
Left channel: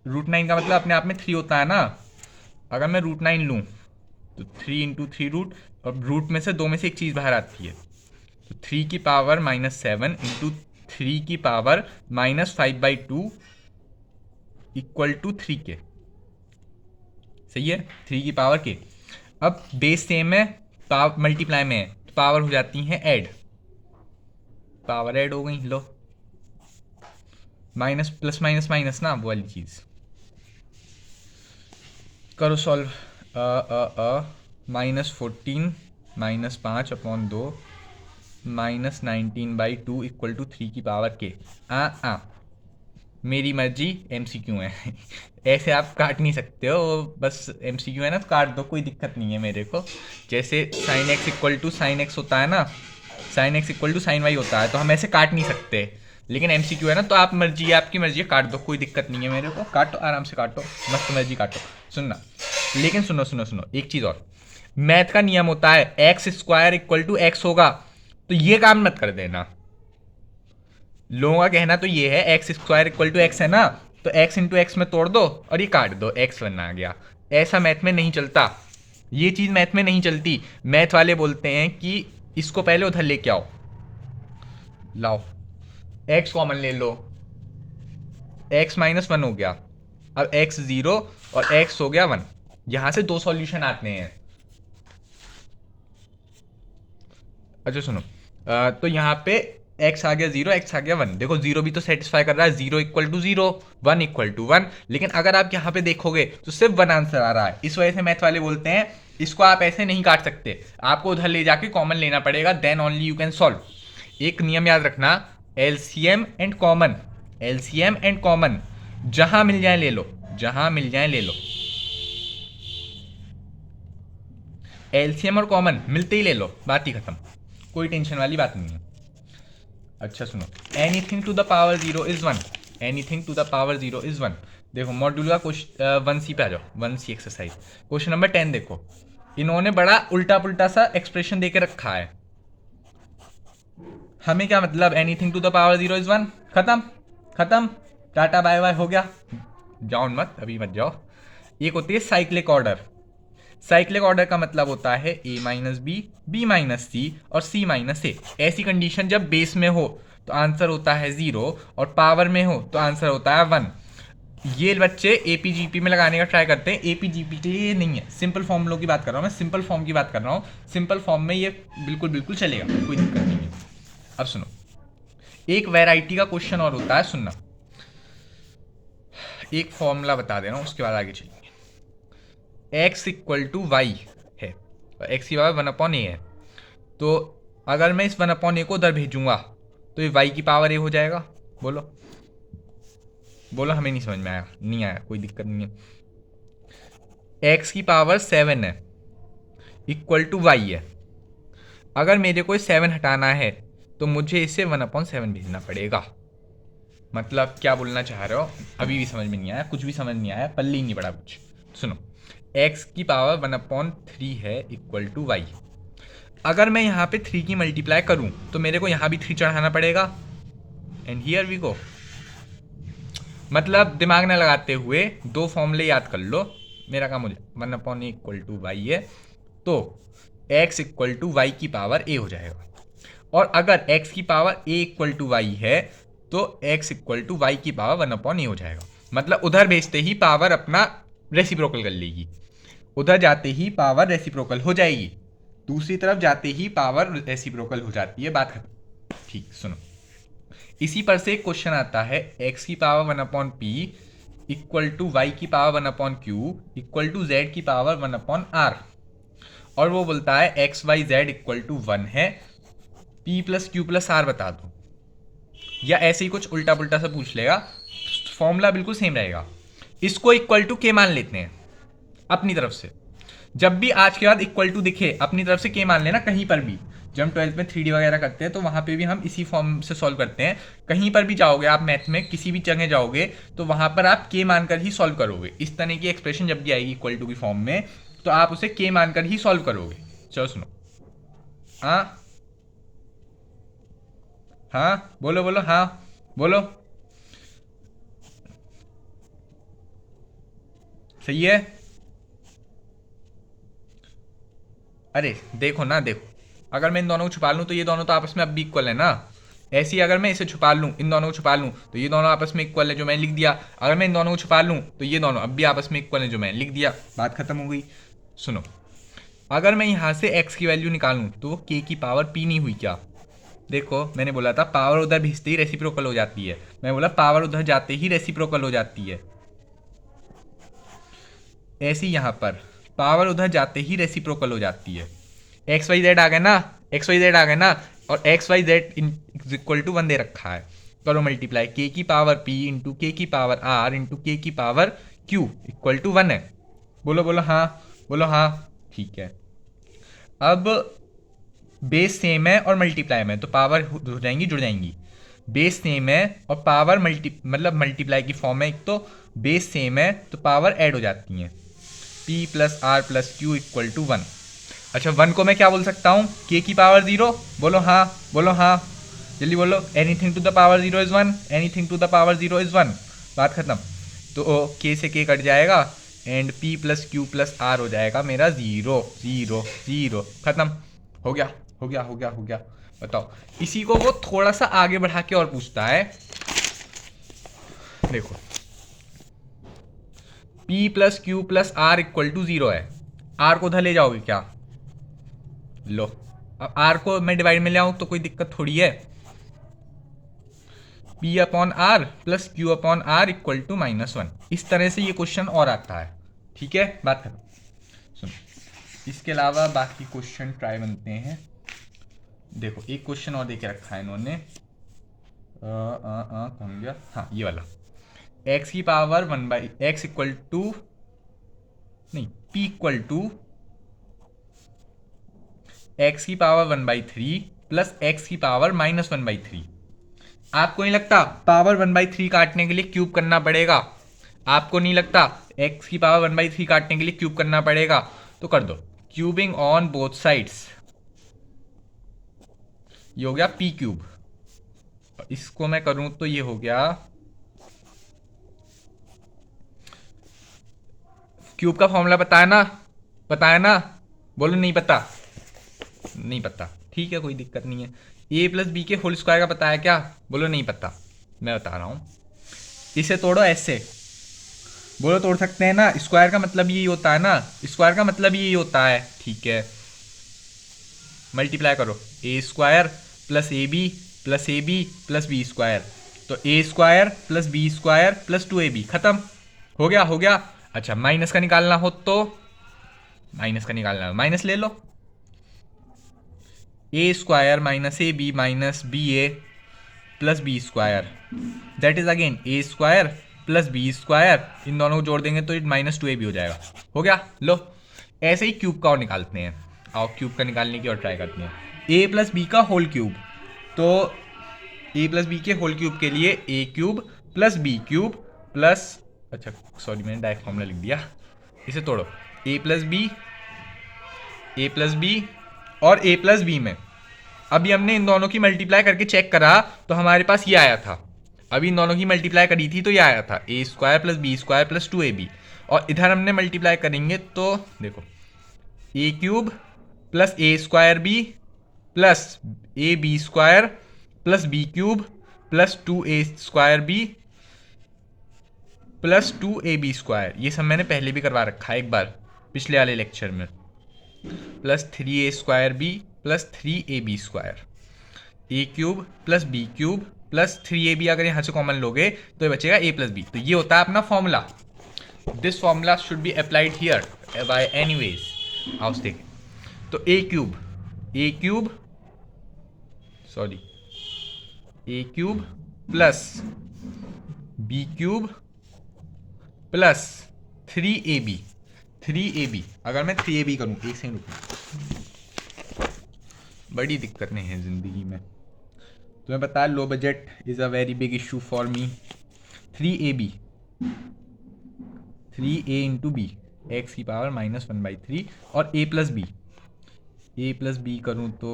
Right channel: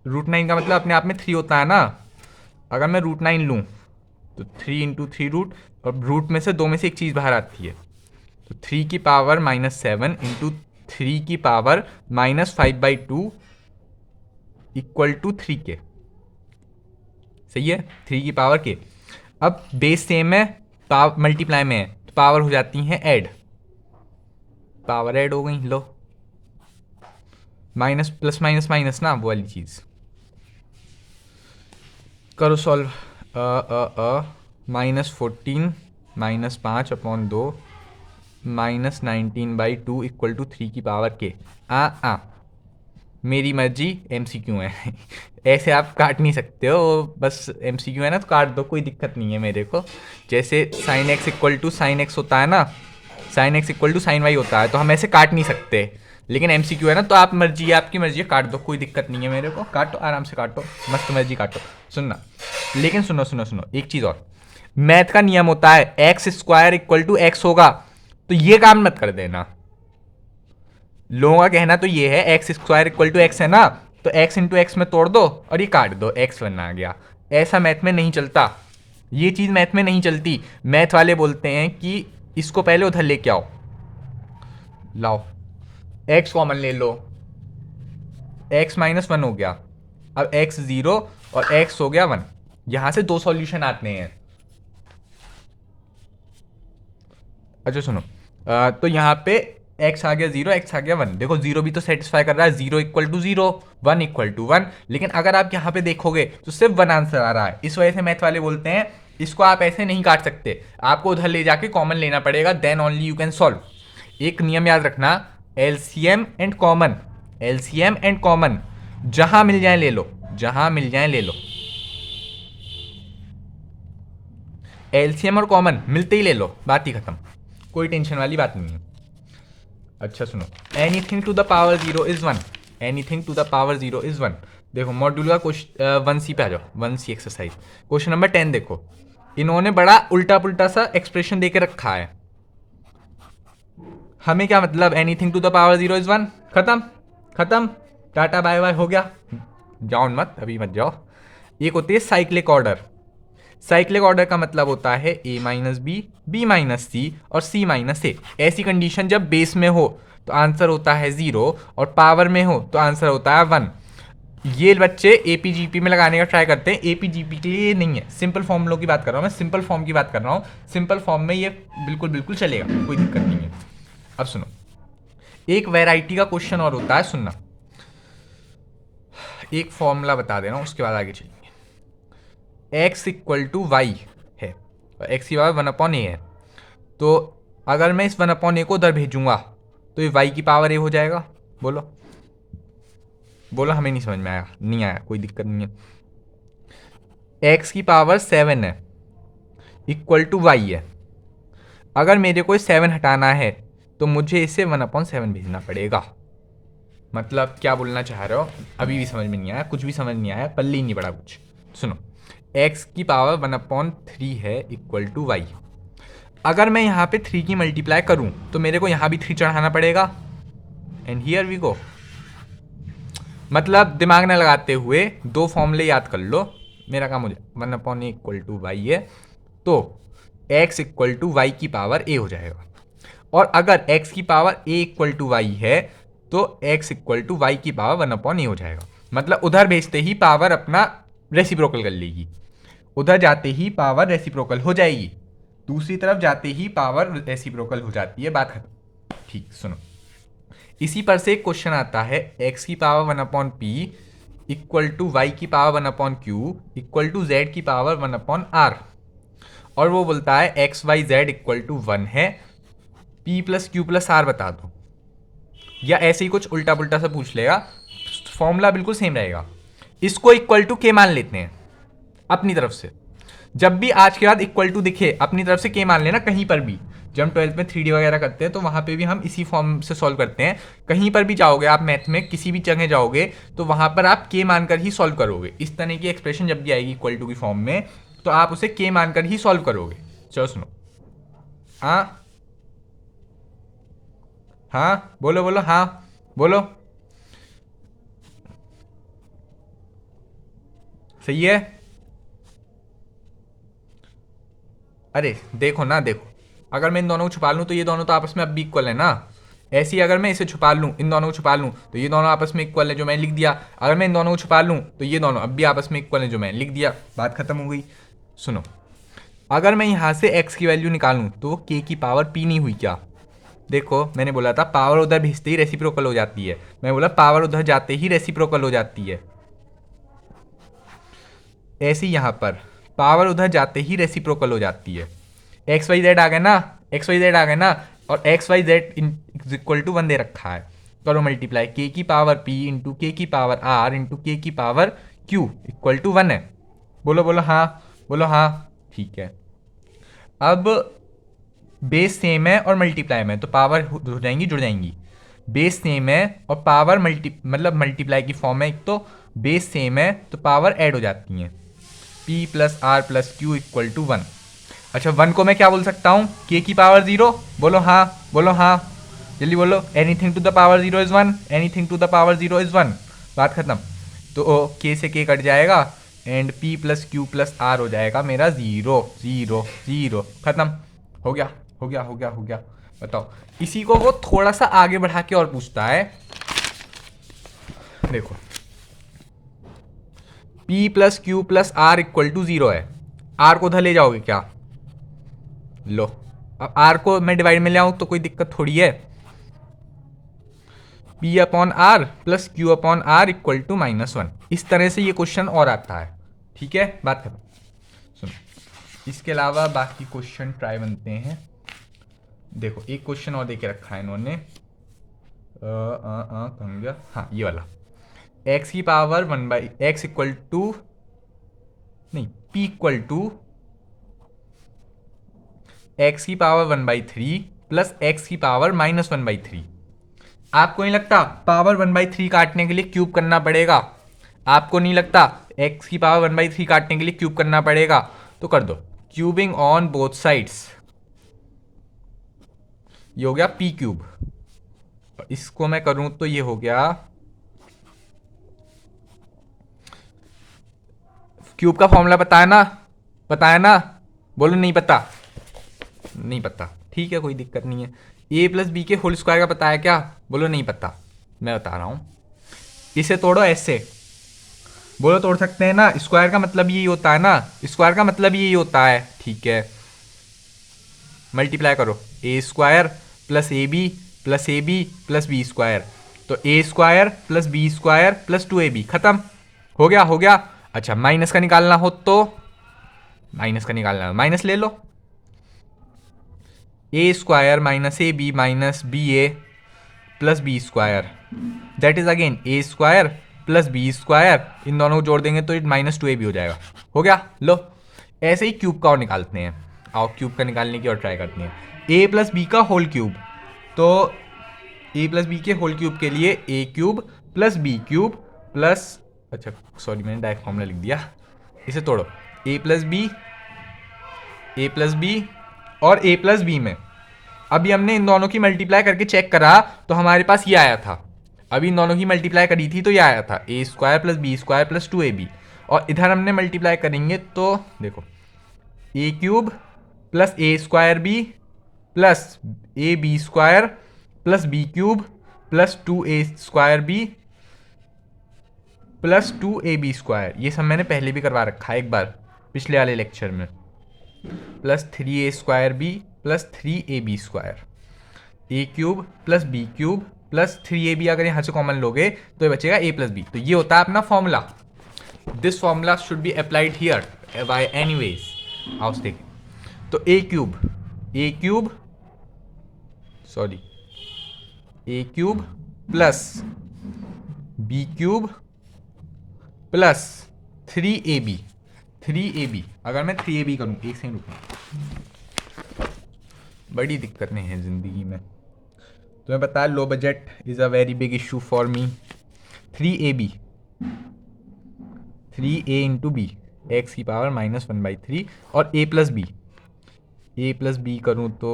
√9 का मतलब अपने आप में 3 होता है ना। अगर मैं √9 लूँ तो 3 इंटू 3 रूट, और रूट में से 2 में से एक चीज़ बाहर आती है, तो 3 की पावर -7 इंटू 3 की पावर -5/2 इक्वल टू 3k, सही है, 3 की पावर k। अब बेस सेम है, पावर मल्टीप्लाई में है तो पावर हो जाती है ऐड, पावर ऐड हो गई, लो माइनस प्लस माइनस माइनस ना वो वाली चीज़। करो सॉल्व, -14 -5/2 -19/2 इक्वल टू 3 की पावर k। मेरी मर्जी, MCQ है ऐसे आप काट नहीं सकते हो, बस MCQ है ना तो काट दो, कोई दिक्कत नहीं है मेरे को। जैसे sin x equal to sin x होता है ना, sin x equal to sin y होता है, तो हम ऐसे काट नहीं सकते। लेकिन MCQ है ना तो आप मर्जी है, आपकी मर्जी है, काट दो, कोई दिक्कत नहीं है मेरे को, काटो आराम से काटो, मस्त मर्जी काटो। सुनना, लेकिन सुनो सुनो सुनो एक चीज़ और, मैथ का नियम होता है x² इक्वल टू x होगा, तो ये काम मत कर देना। लोगों का कहना तो ये है x² इक्वल टू x है ना, तो x इंटू एक्स में तोड़ दो और ये काट दो, x बना गया। ऐसा मैथ में नहीं चलता, ये चीज़ मैथ में नहीं चलती। मैथ वाले बोलते हैं कि इसको पहले उधर लेके आओ, लाओ x कॉमन ले लो, x -1 हो गया, अब x 0 और x हो गया 1, यहां से 2 सॉल्यूशन आते हैं। अच्छा सुनो, तो यहाँ पे x आ गया 0, x आ गया 1, देखो 0 भी तो सेटिस्फाई कर रहा है, 0 इक्वल टू 0, 1 इक्वल टू 1। लेकिन अगर आप यहाँ पे देखोगे तो सिर्फ 1 आंसर आ रहा है, इस वजह से मैथ वाले बोलते हैं इसको आप ऐसे नहीं काट सकते, आपको उधर ले जाके कॉमन लेना पड़ेगा, then only you can solve. एक नियम याद रखना, LCM and common, LCM and common जहां मिल जाए ले लो, जहां मिल जाए ले लो। LCM और कॉमन मिलते ही ले लो, बात ही खत्म, कोई टेंशन वाली बात नहीं है। अच्छा सुनो, anything to the power 0 is 1, anything to the power 0 is 1। देखो मॉड्यूल का क्वेश्चन 1C पे आ जाओ, 1C एक्सरसाइज क्वेश्चन नंबर 10 देखो, इन्होंने बड़ा उल्टा पुल्टा सा एक्सप्रेशन देके रखा है। हमें क्या मतलब, anything to the power 0 is 1, खत्म खत्म, टाटा बाय बाय, हो गया। जाओ मत, अभी मत जाओ। एक होती है साइक्लिक ऑर्डर। साइक्लिक ऑर्डर का मतलब होता है a minus B, B minus C और c माइनस ए। ऐसी कंडीशन जब बेस में हो तो आंसर होता है 0 और पावर में हो तो आंसर होता है 1। ये बच्चे एपीजीपी में लगाने का ट्राई करते हैं, एपीजीपी के लिए ये नहीं है। सिंपल फॉर्मूलों की बात कर रहा हूँ मैं, सिंपल फॉर्म की बात कर रहा हूँ। सिंपल फॉर्म में ये बिल्कुल बिल्कुल चलेगा, कोई दिक्कत नहीं है। अब सुनो, एक वैरायटी का क्वेश्चन और होता है, सुनना। एक फॉर्मूला बता दे रहा हूँ, उसके बाद आगे चलिए। एक्स इक्वल टू वाई है और एक्स की पावर 1/a है। तो अगर मैं इस 1/a को उधर भेजूंगा तो ये वाई की पावर a हो जाएगा। बोलो बोलो, हमें नहीं समझ में आया, नहीं आया, कोई दिक्कत नहीं है। एक्स की पावर 7 है इक्वल टू वाई है। अगर मेरे को 7 हटाना है तो मुझे इसे 1/7 भेजना पड़ेगा। मतलब क्या बोलना चाह रहे हो, अभी भी समझ में नहीं आया, कुछ भी समझ नहीं आया, पल्ले ही नहीं पड़ा कुछ। सुनो, एक्स की पावर 1/3 है इक्वल टू वाई। अगर मैं यहाँ पे 3 की मल्टीप्लाई करूँ तो मेरे को यहाँ भी 3 चढ़ाना पड़ेगा। And here we go. मतलब दिमाग न लगाते हुए दो फॉर्मूले याद कर लो। मेरा काम हो जाए 1/a इक्वल टू वाई है तो x इक्वल टू वाई की पावर a हो जाएगा। और अगर x की power a equal to y है तो x इक्वल टू वाई की पावर 1/a हो जाएगा। मतलब उधर भेजते ही पावर अपना रेसिप्रोकल कर लेगी, उधर जाते ही पावर रेसिप्रोकल हो जाएगी, दूसरी तरफ जाते ही पावर रेसिप्रोकल हो जाती है। बात खत्म। ठीक, सुनो, इसी पर से एक क्वेश्चन आता है, x की power 1/p equal to Y की power 1/q equal to z की पावर 1/r। और वो बोलता है X Y Z equal to 1 है, p plus Q plus R बता दो। या ऐसे ही कुछ उल्टा पुल्टा सा पूछ लेगा, फॉर्मूला बिल्कुल सेम रहेगा। इसको इक्वल टू के मान लेते हैं अपनी तरफ से। जब भी आज के बाद इक्वल टू दिखे अपनी तरफ से के मान लेना, कहीं पर भी। जब हम 12th में 3D वगैरह करते हैं तो वहाँ पे भी हम इसी फॉर्म से सॉल्व करते हैं। कहीं पर भी जाओगे आप मैथ में, किसी भी जगह जाओगे तो वहाँ पर आप के मानकर ही सॉल्व करोगे। इस तरह की एक्सप्रेशन जब भी आएगी इक्वल टू की फॉर्म में तो आप उसे के मानकर ही सॉल्व करोगे। चलो सुनो, हाँ हाँ बोलो बोलो, हाँ बोलो, सही है। अरे देखो ना, देखो, अगर मैं इन दोनों को छुपा लूँ तो ये दोनों तो आपस में अब भी इक्वल है ना। ऐसे ही अगर मैं इसे छुपा लूँ, इन दोनों को छुपा लूँ तो ये दोनों आपस में इक्वल है, जो मैंने लिख दिया। अगर मैं इन दोनों को छुपा लूँ तो ये दोनों अब भी आपस में इक्वल है, जो मैंने लिख दिया। बात खत्म हो गई। सुनो, अगर मैं यहाँ से x की वैल्यू निकालूँ तो k की पावर p नहीं हुई क्या। देखो मैंने बोला था पावर उधर भेजते ही रेसिप्रोकल हो जाती है, मैं बोला पावर उधर जाते ही रेसिप्रोकल हो जाती है। ऐसे ही यहाँ पर पावर उधर जाते ही रेसिप्रोकल हो जाती है। एक्स वाई जेड आ गया ना, एक्स वाई जेड आ गया ना, और x Y Z equal to 1 दे रखा है। करो मल्टीप्लाई, के की पावर पी इंटू के की पावर आर इंटू के की पावर क्यू इक्वल टू 1 है। बोलो बोलो हाँ, बोलो हाँ। ठीक है, अब बेस सेम है और मल्टीप्लाई में तो पावर हो जाएंगी, जुड़ जाएंगी। बेस सेम है और पावर मतलब मल्टीप्लाई की फॉर्म है, एक तो बेस सेम है तो पावर ऐड हो जाती हैं। p plus r plus q equal to 1। अच्छा, 1 को मैं क्या बोल सकता हूँ, k की पावर 0। बोलो हाँ, बोलो हाँ, जल्दी बोलो। Anything to the power 0 is 1, anything to the power 0 is 1। बात खत्म। तो k से k कट जाएगा and p plus Q plus r हो जाएगा मेरा 0 0 0। खत्म, हो गया हो गया हो गया हो गया। बताओ, इसी को वो थोड़ा सा आगे बढ़ा के और पूछता है। देखो, p plus Q plus r equal to 0 है। आर को उधर ले जाओगे क्या, लो। अब आर को मैं डिवाइड में ले आऊं तो कोई दिक्कत थोड़ी है। p upon r plus q upon r equal to -1। इस तरह से ये क्वेश्चन और आता है। ठीक है, बात है। सुनो, इसके अलावा बाकी क्वेश्चन ट्राई बनते हैं। देखो एक क्वेश्चन और देके रखा है इन्होंने, कहाँ गया, हाँ ये वाला। x की पावर 1/x इक्वल टू, नहीं, p इक्वल टू x की पावर 1/3 प्लस x की पावर -1/3। आपको नहीं लगता पावर 1/3 काटने के लिए क्यूब करना पड़ेगा। आपको नहीं लगता एक्स की पावर 1/3 काटने के लिए क्यूब करना पड़ेगा? तो कर दो, क्यूबिंग ऑन बोथ साइड्स, ये हो गया पी क्यूब। इसको मैं करूं तो ये हो गया, क्यूब का फॉर्मूला पता है ना? पता है ना? बोलो नहीं पता। नहीं पता, ठीक है, कोई दिक्कत नहीं है। ए प्लस बी के होल स्क्वायर का पता है क्या? बोलो नहीं पता। मैं बता रहा हूं, इसे तोड़ो ऐसे। बोलो तोड़ सकते हैं ना? स्क्वायर का मतलब यही होता है ना, स्क्वायर का मतलब यही होता है, ठीक है। मल्टीप्लाई करो, A square plus A B plus A B plus B square, तो A square plus B square plus 2ab, खत्म। हो गया, हो गया। अच्छा, माइनस का निकालना हो तो, माइनस का निकालना, माइनस ले लो, A square minus A B minus B A plus B square, that is again A square plus B square, इन दोनों को जोड़ देंगे तो माइनस 2ab हो जाएगा। हो गया, लो। ऐसे ही क्यूब का और निकालते हैं। आओ क्यूब का निकालने की और ट्राई करते हैं। ए प्लस बी का होल क्यूब, तो ए प्लस बी के होल क्यूब के लिए A cube plus B cube plus, अच्छा सॉरी मैंने डायरेक्ट फॉर्मूला लिख दिया, इसे तोड़ो, ए प्लस बी और ए प्लस बी में अभी हमने इन दोनों की मल्टीप्लाई करके चेक करा तो हमारे पास ये आया था। अभी इन दोनों की मल्टीप्लाई करी थी तो ये आया था A square plus B square plus 2ab, और इधर हमने मल्टीप्लाई करेंगे तो देखो, A cube plus A square B plus A B square plus B cube plus 2a square B plus 2ab square, ये सब मैंने पहले भी करवा रखा है एक बार पिछले वाले लेक्चर में, plus 3a square B plus 3ab square, A cube plus B cube plus 3ab, अगर यहाँ से कॉमन लोगे तो ये बचेगा a प्लस बी। तो ये होता है अपना formula. This formula should be applied here by anyways. आओ देखें, तो A cube sorry A cube plus B cube plus 3ab, अगर मैं 3ab करूँ, एक सेकंड रुको, बड़ी दिक्कत नहीं है ज़िंदगी में, तुम्हें पता है low budget is a very big issue for me. 3ab, 3a into बी, एक्स की पावर -1/3, और a प्लस बी करूँ तो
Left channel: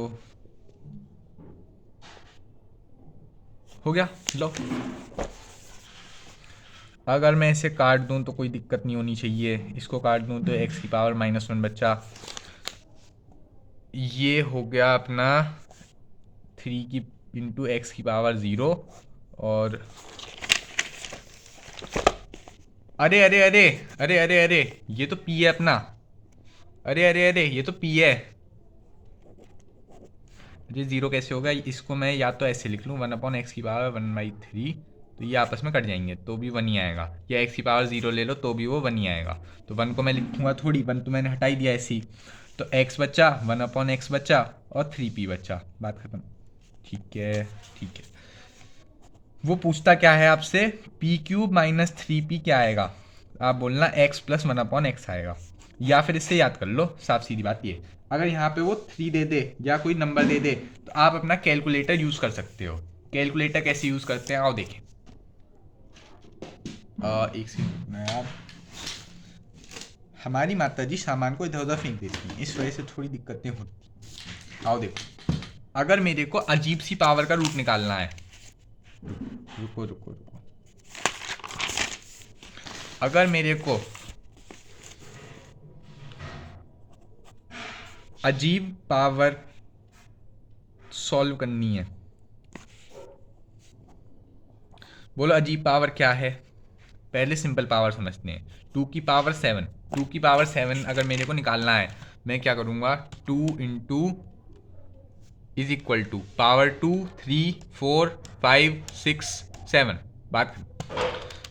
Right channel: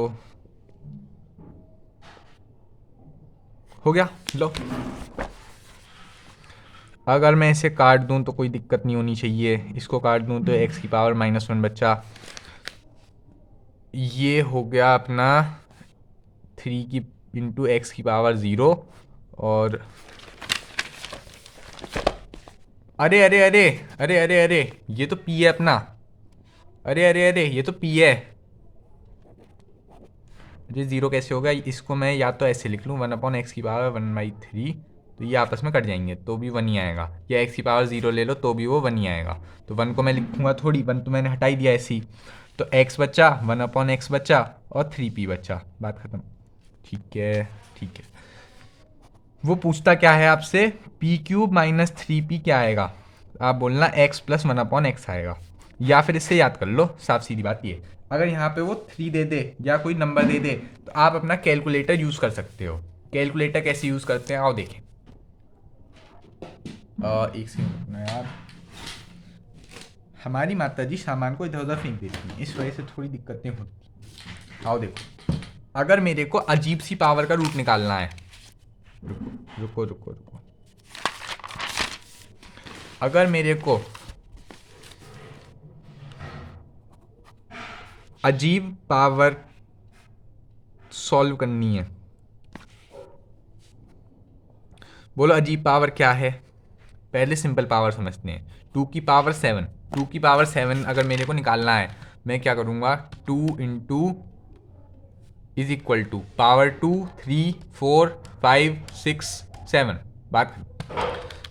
हो गया, लो। अगर मैं इसे काट दूं तो कोई दिक्कत नहीं होनी चाहिए, इसको काट दूं तो x की पावर -1 बचा, ये हो गया अपना 3 की इंटू एक्स की पावर 0, और अरे अरे अरे अरे अरे अरे ये तो p है अपना, अरे अरे अरे ये तो p है, ये 0 कैसे होगा? इसको मैं या तो ऐसे लिख लूँ 1/x की पावर 1/3, तो ये आपस में कट जाएंगे तो भी 1 ही आएगा, या x की पावर 0 ले लो तो भी वो 1 ही आएगा। तो 1 को मैं लिखूँगा थोड़ी, 1 तो मैंने हटा ही दिया ऐसी, तो x बचा, 1/x बचा और 3p बचा, बात खत्म। ठीक है, ठीक है। वो पूछता क्या है आपसे, p क्यूब माइनस 3p क्या आएगा? आप बोलना x प्लस 1/x आएगा, या फिर इससे याद कर लो, साफ सीधी बात ये, अगर यहाँ पे वो 3 दे दे या कोई नंबर दे दे तो आप अपना कैलकुलेटर यूज़ कर सकते हो। कैलकुलेटर कैसे यूज़ करते हैं आओ देखें। एक सेकंड यार, हमारी माता जी सामान को इधर उधर फेंक देती हैं, इस वजह से थोड़ी दिक्कतें होती। आओ देखो, अगर मेरे को अजीब सी पावर का रूट निकालना है, रुको रुको रुको, अगर मेरे को अजीब पावर सॉल्व करनी है, बोलो अजीब पावर क्या है? पहले सिंपल पावर समझते हैं। 2 की पावर 7, 2 की पावर 7 अगर मेरे को निकालना है, मैं क्या करूँगा, 2 into is equal to power 2, 3, 4, 5, 6, 7, बात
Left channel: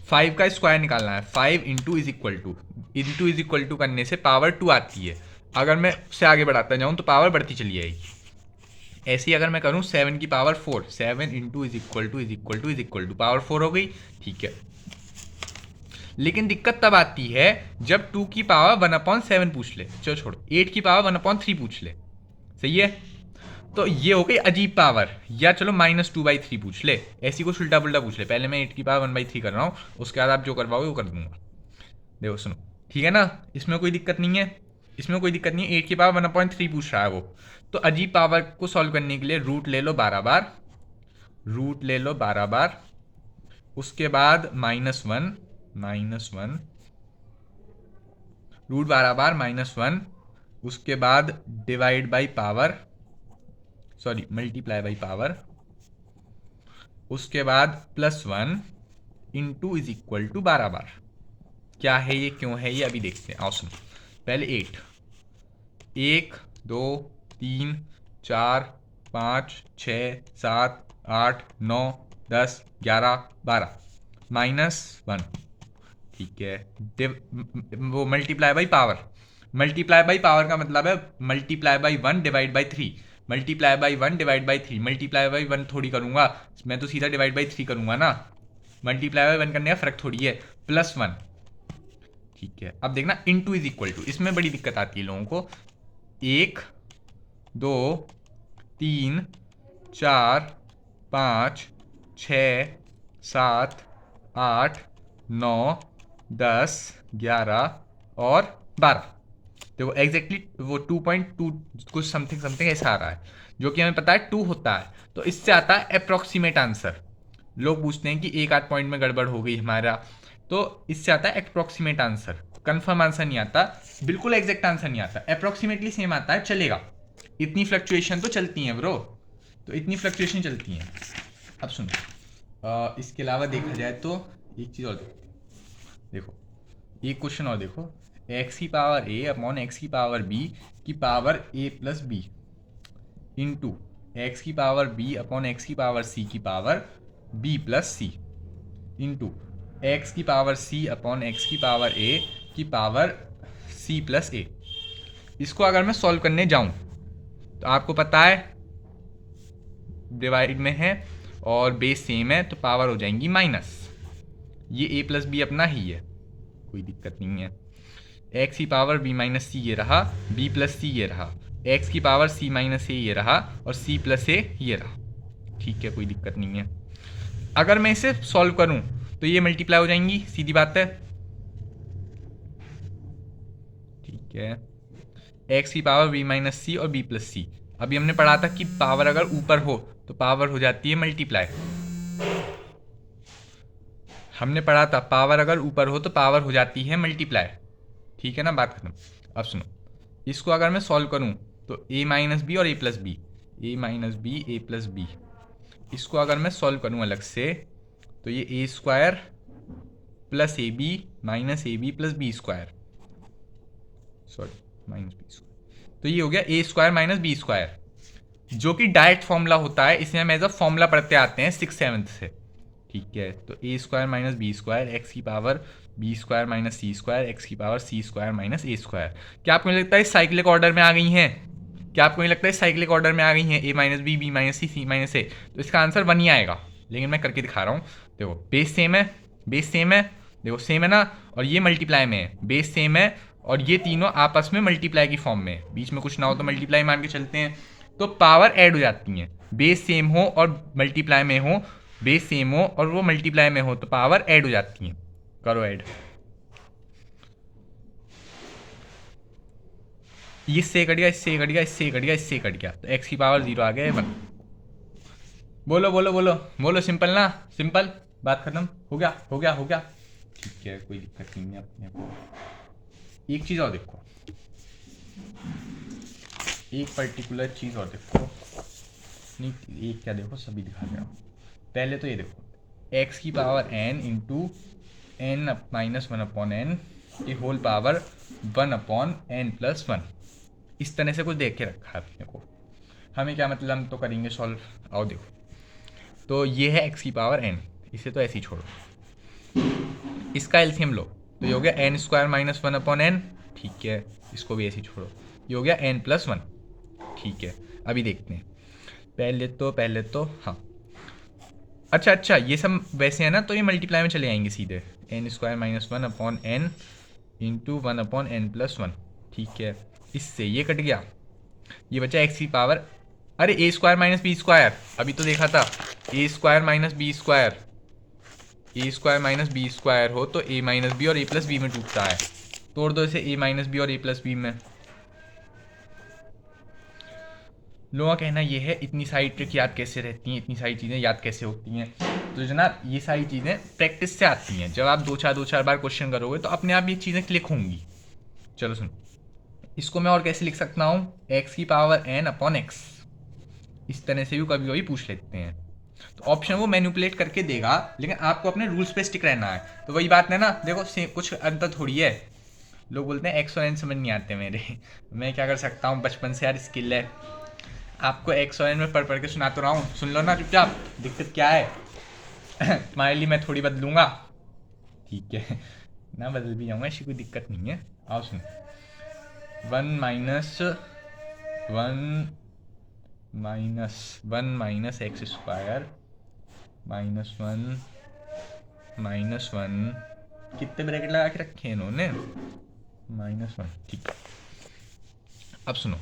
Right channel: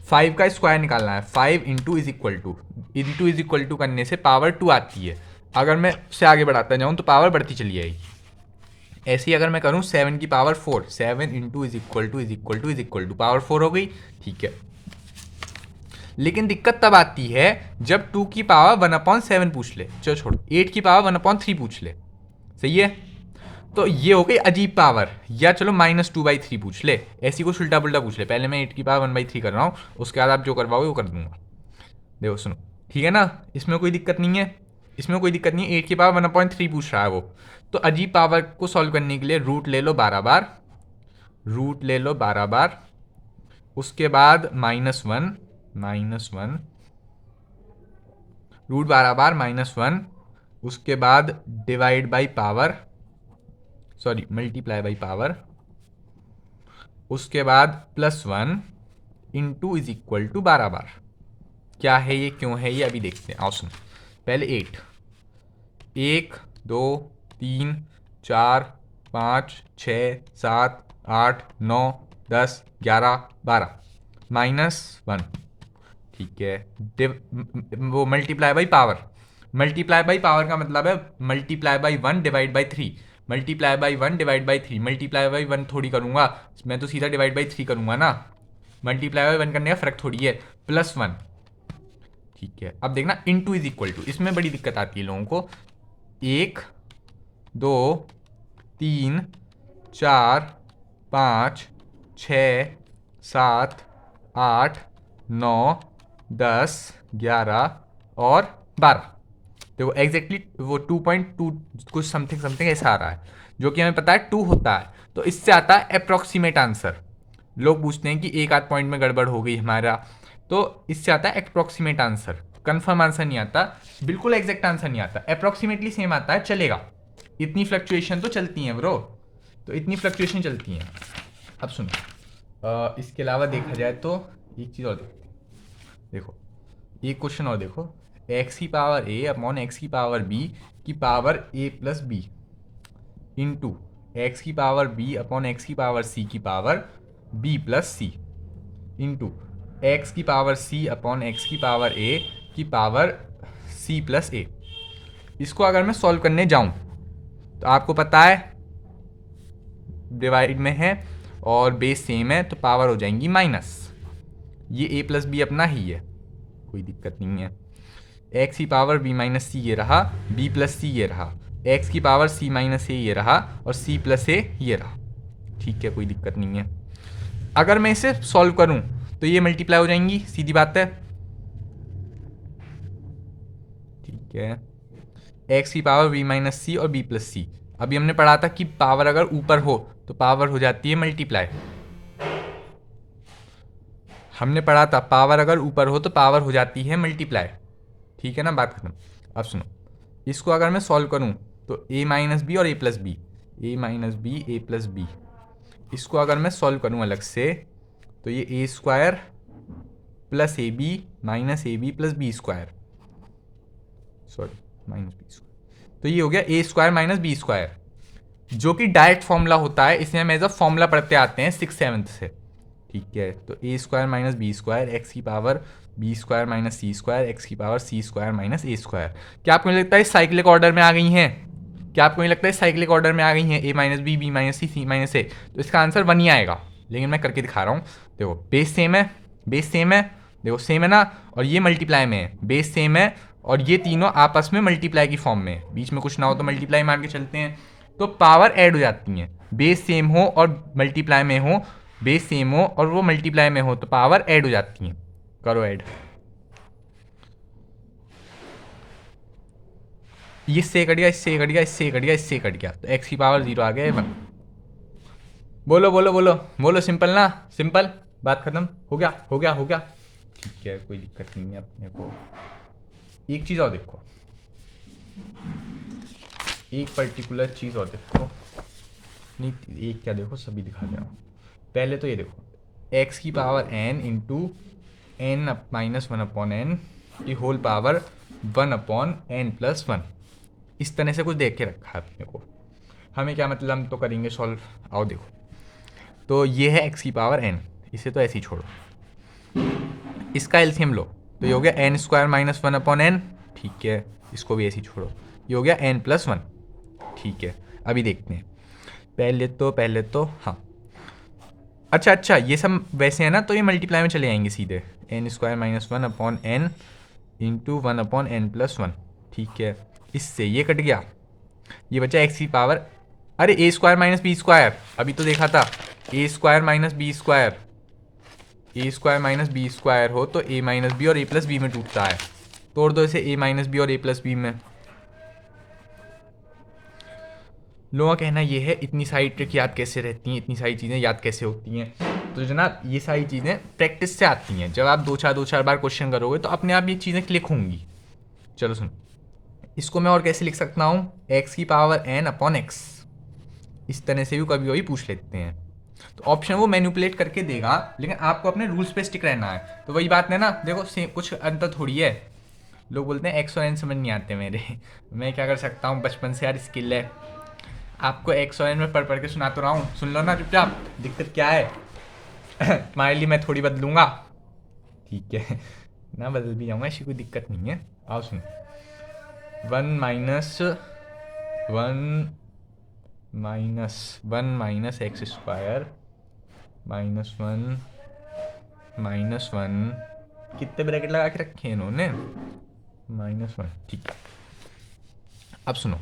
5 का स्क्वायर निकालना है, 5 इंटू इज इक्वल टू करने से पावर 2 आती है। अगर मैं उससे आगे बढ़ाता जाऊँ तो पावर बढ़ती चली जाएगी। ऐसे ही अगर मैं करूँ 7 की power 4, 7 into is equal to power 4 हो गई, ठीक है। लेकिन दिक्कत तब आती है जब 2 की पावर 1/7 पूछ ले, चलो छोड़ो, 8 की पावर 1/3 पूछ ले, सही है। तो ये हो गई अजीब पावर। या चलो -2/3 पूछ ले, ऐसी कुछ उल्टा पुल्टा पूछ ले। पहले मैं 8 की पावर 1/3 कर रहा हूँ, उसके बाद आप जो करवाओगे वो कर दूंगा। देखो सुनो, ठीक है ना, इसमें कोई दिक्कत नहीं है, इसमें कोई दिक्कत नहीं है। 8 की पावर 1/3 पूछ रहा है वो। तो अजीब पावर को सॉल्व करने के लिए रूट ले लो 12 बार, रूट ले लो 12 बार, उसके बाद -1 रूट 12 बार -1, उसके बाद divide by power, sorry multiply by power, उसके बाद +1 इंटू इज इक्वल टू 12 बार। क्या है ये, क्यों है ये, अभी देखते हैं। आओ सुनो, पहले 8, 1 2 3 4 5 6 7 8 9 10 11 12 -1, ठीक है। वो multiply by power, multiply by power का मतलब है multiply by 1 divide by 3, multiply by 1 divide by 3, multiply by 1 थोड़ी करूँगा मैं, तो सीधा डिवाइड बाई 3 करूँगा ना, मल्टीप्लाई बाई 1 करने का फ़र्क थोड़ी है। +1, ठीक है। अब देखना इनटू इज इक्वल टू, इसमें बड़ी दिक्कत आती है लोगों को। 1 2 3 4 5 6 7 8 9 10 11 और 12। देखो एग्जैक्टली वो 2.2 कुछ समथिंग समथिंग ऐसा आ रहा है, जो कि हमें पता है 2 होता है। तो इससे आता है अप्रॉक्सीमेट आंसर। लोग पूछते हैं कि एक आध पॉइंट में गड़बड़ हो गई हमारा, तो इससे आता है अप्रॉक्सीमेट आंसर। कंफर्म आंसर नहीं आता, बिल्कुल एग्जैक्ट आंसर नहीं आता, अप्रॉक्सीमेटली सेम आता है, चलेगा। इतनी फ्लक्चुएशन तो चलती हैं ब्रो, तो इतनी फ्लक्चुएशन चलती हैं। अब सुनो, इसके अलावा देखा जाए तो एक चीज़ और देखो, एक क्वेश्चन और देखो, एक्स की पावर ए अपॉन एक्स की पावर बी की पावर ए प्लस बी इंटू एक्स की पावर बी अपॉन एक्स की पावर सी की पावर बी प्लस सी इंटू एक्स की पावर सी अपॉन एक्स की पावर ए की पावर सी प्लस ए। इसको अगर मैं सॉल्व करने जाऊं तो आपको पता है डिवाइड में है और बेस सेम है, तो पावर हो जाएंगी माइनस। ये ए प्लस बी अपना ही है, कोई दिक्कत नहीं है। एक्स की पावर बी माइनस सी ये रहा, बी प्लस सी ये रहा, एक्स की पावर सी माइनस ए ये रहा, और सी प्लस ए ये रहा, ठीक है, कोई दिक्कत नहीं है। अगर मैं इसे सॉल्व करूं तो ये मल्टीप्लाई हो जाएंगी, सीधी बात है, ठीक है। एक्स की पावर बी माइनस सी और बी प्लस सी, अभी हमने पढ़ा था कि पावर अगर ऊपर हो तो पावर हो जाती है मल्टीप्लाई। हमने पढ़ा था पावर अगर ऊपर हो तो पावर हो जाती है मल्टीप्लाई, ठीक है ना, बात खत्म। अब सुनो, इसको अगर मैं सॉल्व करूं तो ए माइनस बी और A plus B, A minus B A plus B, इसको अगर मैं सॉल्व करूं अलग से तो ये A square plus A B minus A B plus B square, sorry minus B square, तो ये हो गया A square minus B square, जो कि डायरेक्ट फॉर्मूला होता है। इसे हम एज अ फॉर्मूला पढ़ते आते हैं 6th-7th से, ठीक है। तो A square minus B square X की power B square minus C square X की power C square minus A square. क्या आपको नहीं लगता है साइक्लिक ऑर्डर में आ गई हैं? क्या आपको नहीं लगता है साइक्लिक ऑर्डर में आ गई हैं? ए माइनस बी माइनस सी माइनस ए, तो इसका आंसर 1 ही आएगा। लेकिन मैं करके दिखा रहा हूँ, देखो बेस सेम है, बेस सेम है, देखो सेम है ना, और ये मल्टीप्लाई में है, बेस सेम है और ये तीनों आपस में मल्टीप्लाई की फॉर्म में है, बीच में कुछ ना हो तो मल्टीप्लाई मान के चलते हैं, तो पावर ऐड हो जाती हैं। बेस सेम हो और मल्टीप्लाई में हो, बेस सेम हो और वो मल्टीप्लाई में हो, तो पावर ऐड हो जाती हैं। करो ऐड, इससे कट गया, इससे कट गया, इससे कट गया, इससे कट गया, तो एक्स की पावर 0 आ गया 1। बोलो बोलो बोलो बोलो, सिंपल ना, सिंपल, बात खत्म, हो गया हो गया हो गया, ठीक है, कोई दिक्कत नहीं है अपने को। एक चीज़ और देखो, एक पर्टिकुलर चीज़ और देखो, नहीं एक क्या देखो, सभी दिखा दे रहा हूँ। पहले तो ये देखो, एक्स की power n into N minus 1 upon N की whole power 1 upon N plus 1, इस तरह से कुछ देख के रखा है अपने को। हमें क्या मतलब, हम तो करेंगे सॉल्व। आओ देखो, तो ये है एक्स की पावर n, इसे तो ऐसे ही छोड़ो, इसका एलसीएम लो, तो ये हो गया n square minus 1 upon n, ठीक है, इसको भी ऐसे ही छोड़ो, ये हो गया n प्लस 1, ठीक है। अभी देखते हैं, पहले तो हाँ, अच्छा ये सब वैसे है ना, तो ये मल्टीप्लाई में चले आएंगे सीधे, n square minus 1 upon n into 1 upon N plus 1, ठीक है। इससे ये कट गया, ये बचा एक्स की पावर अरे ए स्क्वायर माइनस बी स्क्वायर, अभी तो देखा था, A square minus B square, A square minus B square हो तो ए माइनस बी और ए प्लस बी में टूटता है। तोड़ दो इसे ए माइनस बी और ए प्लस बी में। लोगों का कहना ये है इतनी सारी ट्रिक याद कैसे रहती हैं, इतनी सारी चीज़ें याद कैसे होती हैं। तो जनाब ये सारी चीज़ें प्रैक्टिस से आती हैं। जब आप दो चार बार क्वेश्चन करोगे तो अपने आप ये चीज़ें क्लिक होंगी। चलो सुन, इसको मैं और कैसे लिख सकता हूँ, एक्स की पावर एन अपॉन एक्स, इस तरह से भी कभी कभी पूछ लेते हैं। तो ऑप्शन वो मैनिपुलेट करके देगा, लेकिन आपको अपने रूल्स पे स्टिक रहना है। तो वही बात है ना, देखो कुछ अंतर थोड़ी है। लोग बोलते हैं एक्स और एन समझ नहीं आते मेरे मैं क्या कर सकता हूँ, बचपन से यार स्किल है। आपको एक्स और एन में पढ़ के सुना तो रहा हूँ, सुन लो ना चुपचाप। दिक्कत क्या है तुम्हारे लिए मैं थोड़ी बदलूंगा, ठीक है ना, बदल भी जाऊंगा, ऐसी कोई दिक्कत नहीं है। आओ सुन, 1 एक्स स्क्वायर -1 कितने ब्रैकेट लगा के रखे हैं इन्होंने, -1, ठीक है। अब सुनो,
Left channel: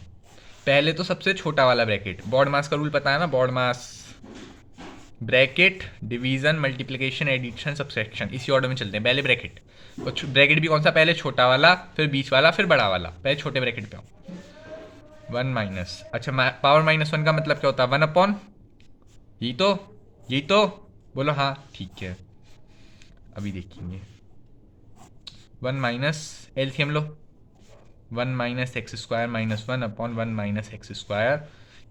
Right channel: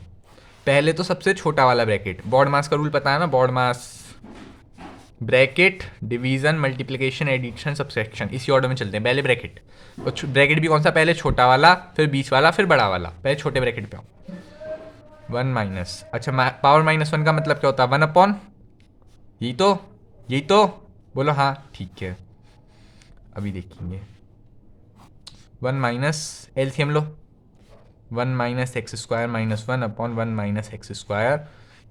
पहले तो सबसे छोटा वाला ब्रैकेट, बॉड मास का रूल पता है ना, BODMAS, bracket, division, multiplication, addition, subtraction, इसी ऑर्डर में चलते हैं। पहले ब्रैकेट, तो ब्रैकेट भी कौन सा, पहले छोटा वाला, फिर बीच वाला, फिर बड़ा वाला। पहले छोटे ब्रैकेट पे आओ, 1 अच्छा पावर -1 का मतलब क्या होता है, 1 अपॉन, यही तो बोलो, हाँ ठीक है। अभी देखेंगे, 1 एलसीएम लो, 1 X square -1 upon 1 X square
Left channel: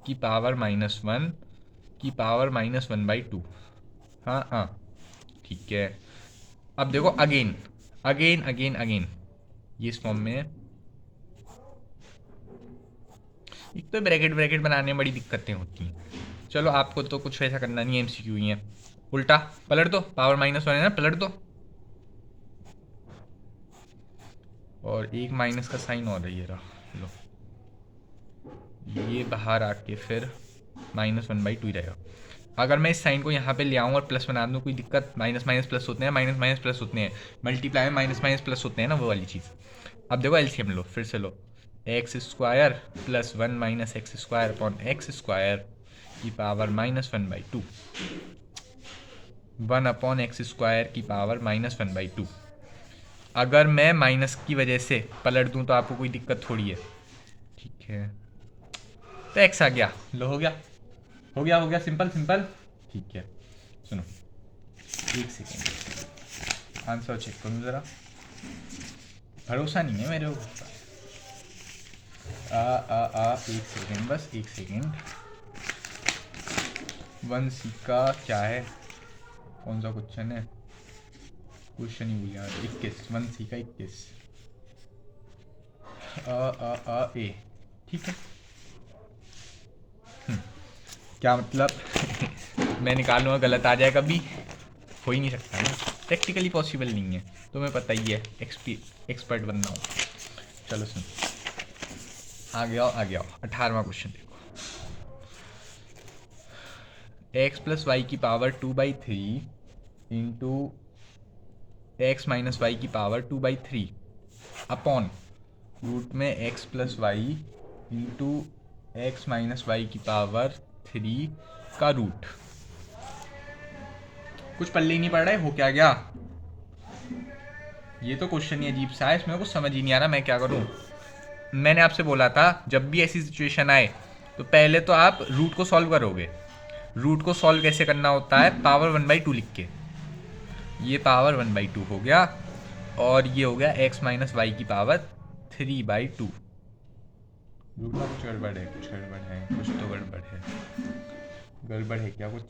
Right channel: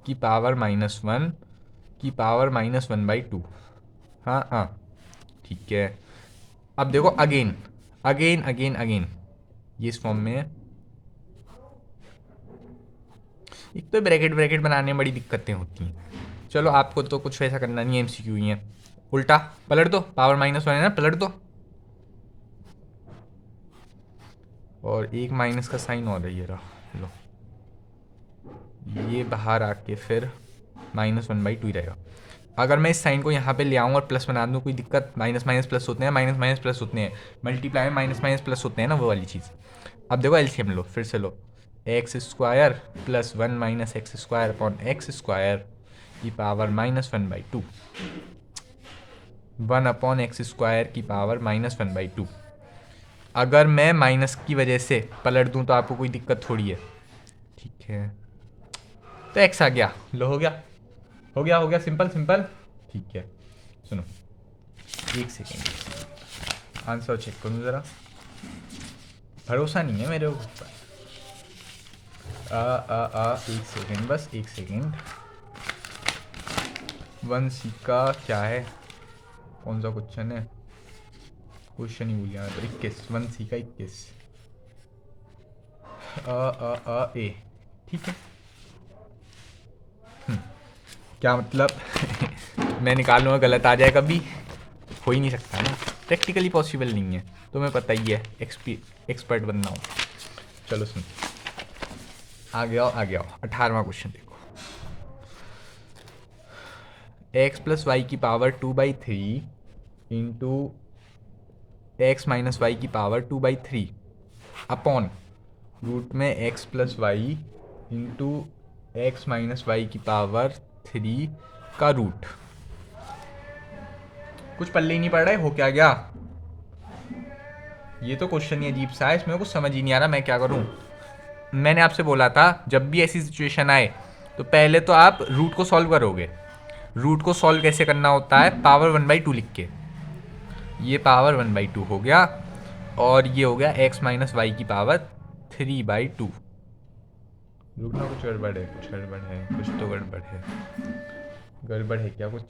की पावर -1 की पावर -1/2। हाँ हाँ ठीक है। अब देखो अगेन अगेन अगेन अगेन, ये इस फॉर्म में, एक तो ब्रैकेट ब्रैकेट बनाने में बड़ी दिक्कतें होती हैं। चलो आपको तो कुछ ऐसा करना नहीं है, एमसीक्यू ही है। उल्टा पलट दो, पावर -1 है ना, पलट दो, और एक माइनस का साइन और है, ये रहा लो, ये बाहर आके फिर -1/2 ही रहेगा। अगर मैं इस साइन को यहाँ पे ले आऊँ और प्लस बना दूँ, कोई दिक्कत, माइनस माइनस प्लस होते हैं, माइनस माइनस प्लस होते हैं, मल्टीप्लाई में माइनस माइनस प्लस होते हैं ना, वो वाली चीज़। अब देखो एलसीएम लो, फिर से लो, X square plus 1 X square upon X square की पावर -1/2, 1/x² की पावर -1/2। अगर मैं माइनस की वजह से पलट दूँ तो आपको कोई दिक्कत थोड़ी है, ठीक है। तो एक्स आ गया, लो हो गया सिंपल सिंपल, ठीक है। सुनो, एक सेकेंड आंसर चेक करूँ ज़रा, भरोसा नहीं है मेरे ऊपर। एक सेकेंड, बस एक सेकेंड। 1C का क्या है, कौन सा क्वेश्चन है, क्वेश्चन ही भूल गया, 21, 1C का 21, ए, ठीक है। क्या मतलब मैं निकाल लूँगा, गलत आ जाए कभी, हो ही नहीं सकता ना, प्रैक्टिकली पॉसिबल नहीं है, तुम्हें पता ही है, एक्सपर्ट बनना हो। चलो सुन, आगे आओ 18वां क्वेश्चन देखो, x प्लस वाई की power 2/3 into x minus Y की पावर 2/3 अपॉन रूट में x plus y into x minus Y की पावर 3 का रूट। कुछ पल्ले ही नहीं पड़ रहे हो, क्या गया, ये तो क्वेश्चन ही अजीब सा है, इसमें कुछ समझ ही नहीं आ रहा मैं क्या करूं। मैंने आपसे बोला था जब भी ऐसी सिचुएशन आए तो पहले तो आप रूट को सॉल्व करोगे। रूट को सॉल्व कैसे करना होता है, पावर 1/2 लिख के, ये पावर 1/2 हो गया, और ये हो गया x माइनस वाई की पावर 3/2। रुकना, कुछ गड़बड़ है, कुछ तो गड़बड़ है क्या कुछ,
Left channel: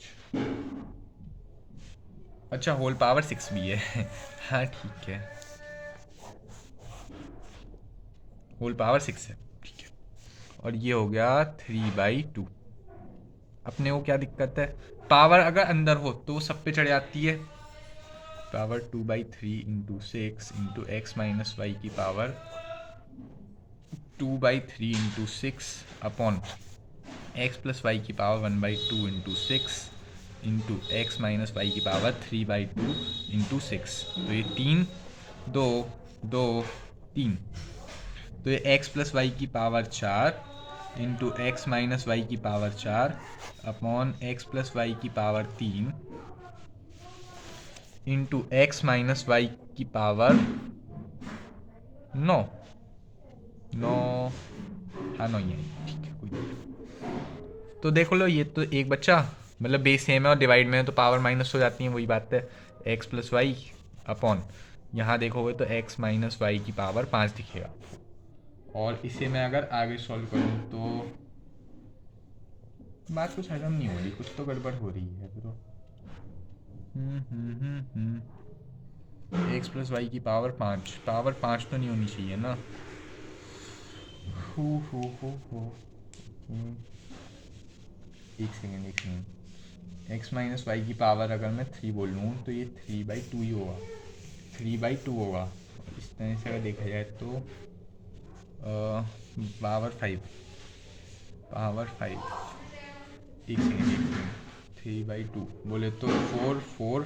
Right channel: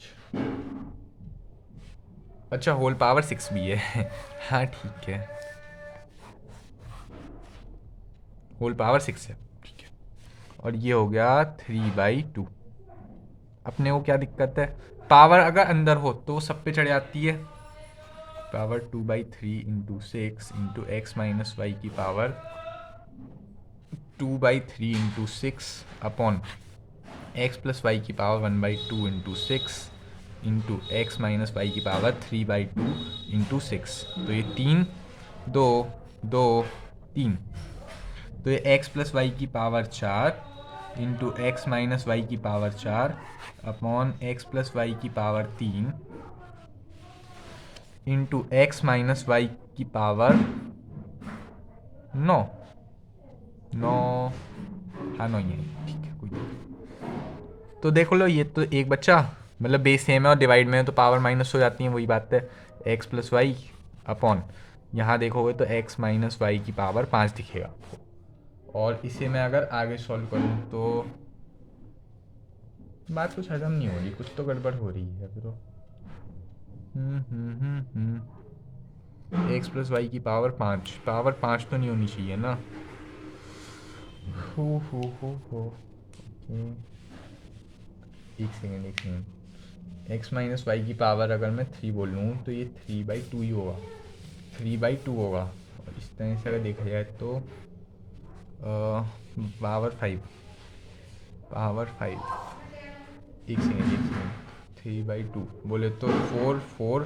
अच्छा होल पावर 6 भी है हाँ ठीक है, होल पावर 6 है, ठीक है। और ये हो गया 3/2। अपने को क्या दिक्कत है, पावर अगर अंदर हो तो वो सब पे चढ़ जाती है, power 2/3 into 6 into x minus Y की power 2/3 into 6 upon X plus Y की power 1/2 into 6 into x minus Y की पावर 3/2 इंटू 6। तो ये 3 2 2 3, तो ये x प्लस वाई की power 4, into x minus Y की power 4 upon X plus Y की power 3 into x minus Y की पावर 9। हाँ 9 ही है, ठीक है कोई नहीं। तो देखो लो, ये तो एक बच्चा मतलब बेस सेम है और डिवाइड में है तो पावर माइनस हो जाती है, वही बात है। एक्स प्लस वाई अपॉन यहाँ देखोगे तो एक्स माइनस वाई की पावर 5 दिखेगा। और इसे मैं अगर आगे सॉल्व करूँ तो बात कुछ हजम नहीं हो रही, कुछ तो गड़बड़ हो रही है तो। एक्स प्लस वाई की पावर 5, पावर 5 तो नहीं होनी चाहिए ना। हो एक सेकेंड। एक्स माइनस वाई की पावर अगर मैं 3 बोल लूँ तो ये 3/2 ही होगा, 3/2 होगा। और इस तरह से अगर देखा जाए तो पावर 5, एक सेकेंड 3/2 बोले तो 4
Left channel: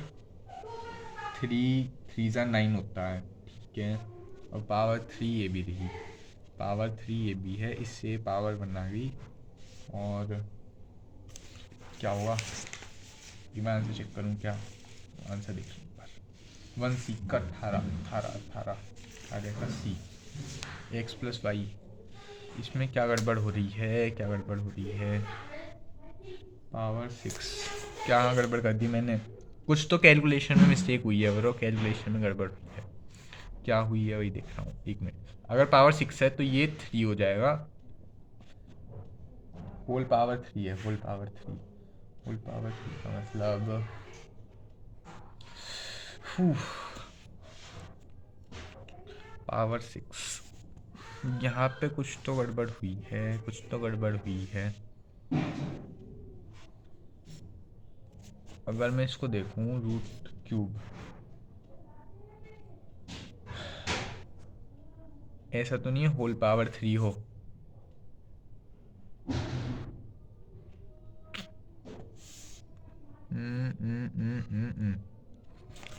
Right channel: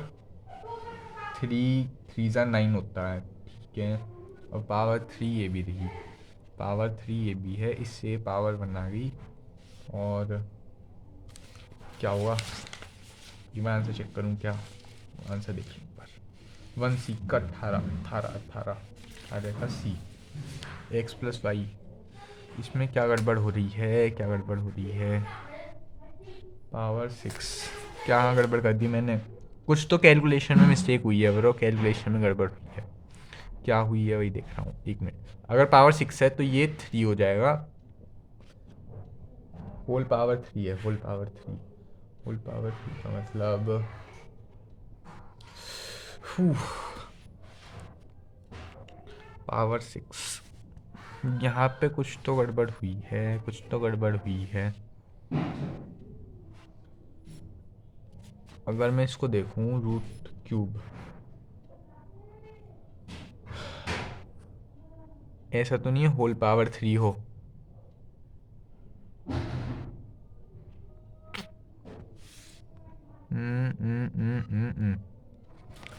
3 9 होता है, ठीक है। और पावर 3 ये भी रही, पावर 3 ये भी है, इससे पावर बना गई। और क्या हुआ ये मैं आंसर चेक करूँ क्या? आंसर देखिए एक बार। 1C का 18 का C, एक्स प्लस वाई। इसमें क्या गड़बड़ हो रही है? पावर 6 क्या गड़बड़ कर दी मैंने? कुछ तो कैलकुलेशन में मिस्टेक हुई है ब्रो, कैलकुलेशन में गड़बड़ हुई है। क्या हुई है वही देख रहा हूँ, एक मिनट। अगर पावर 6 है तो ये 3 हो जाएगा, होल पावर 3 है, होल पावर 3 का मतलब पावर 6। यहाँ पे कुछ तो गड़बड़ हुई है। अगर मैं इसको देखूँ रूट क्यूब, ऐसा तो नहीं है होल पावर 3 हो?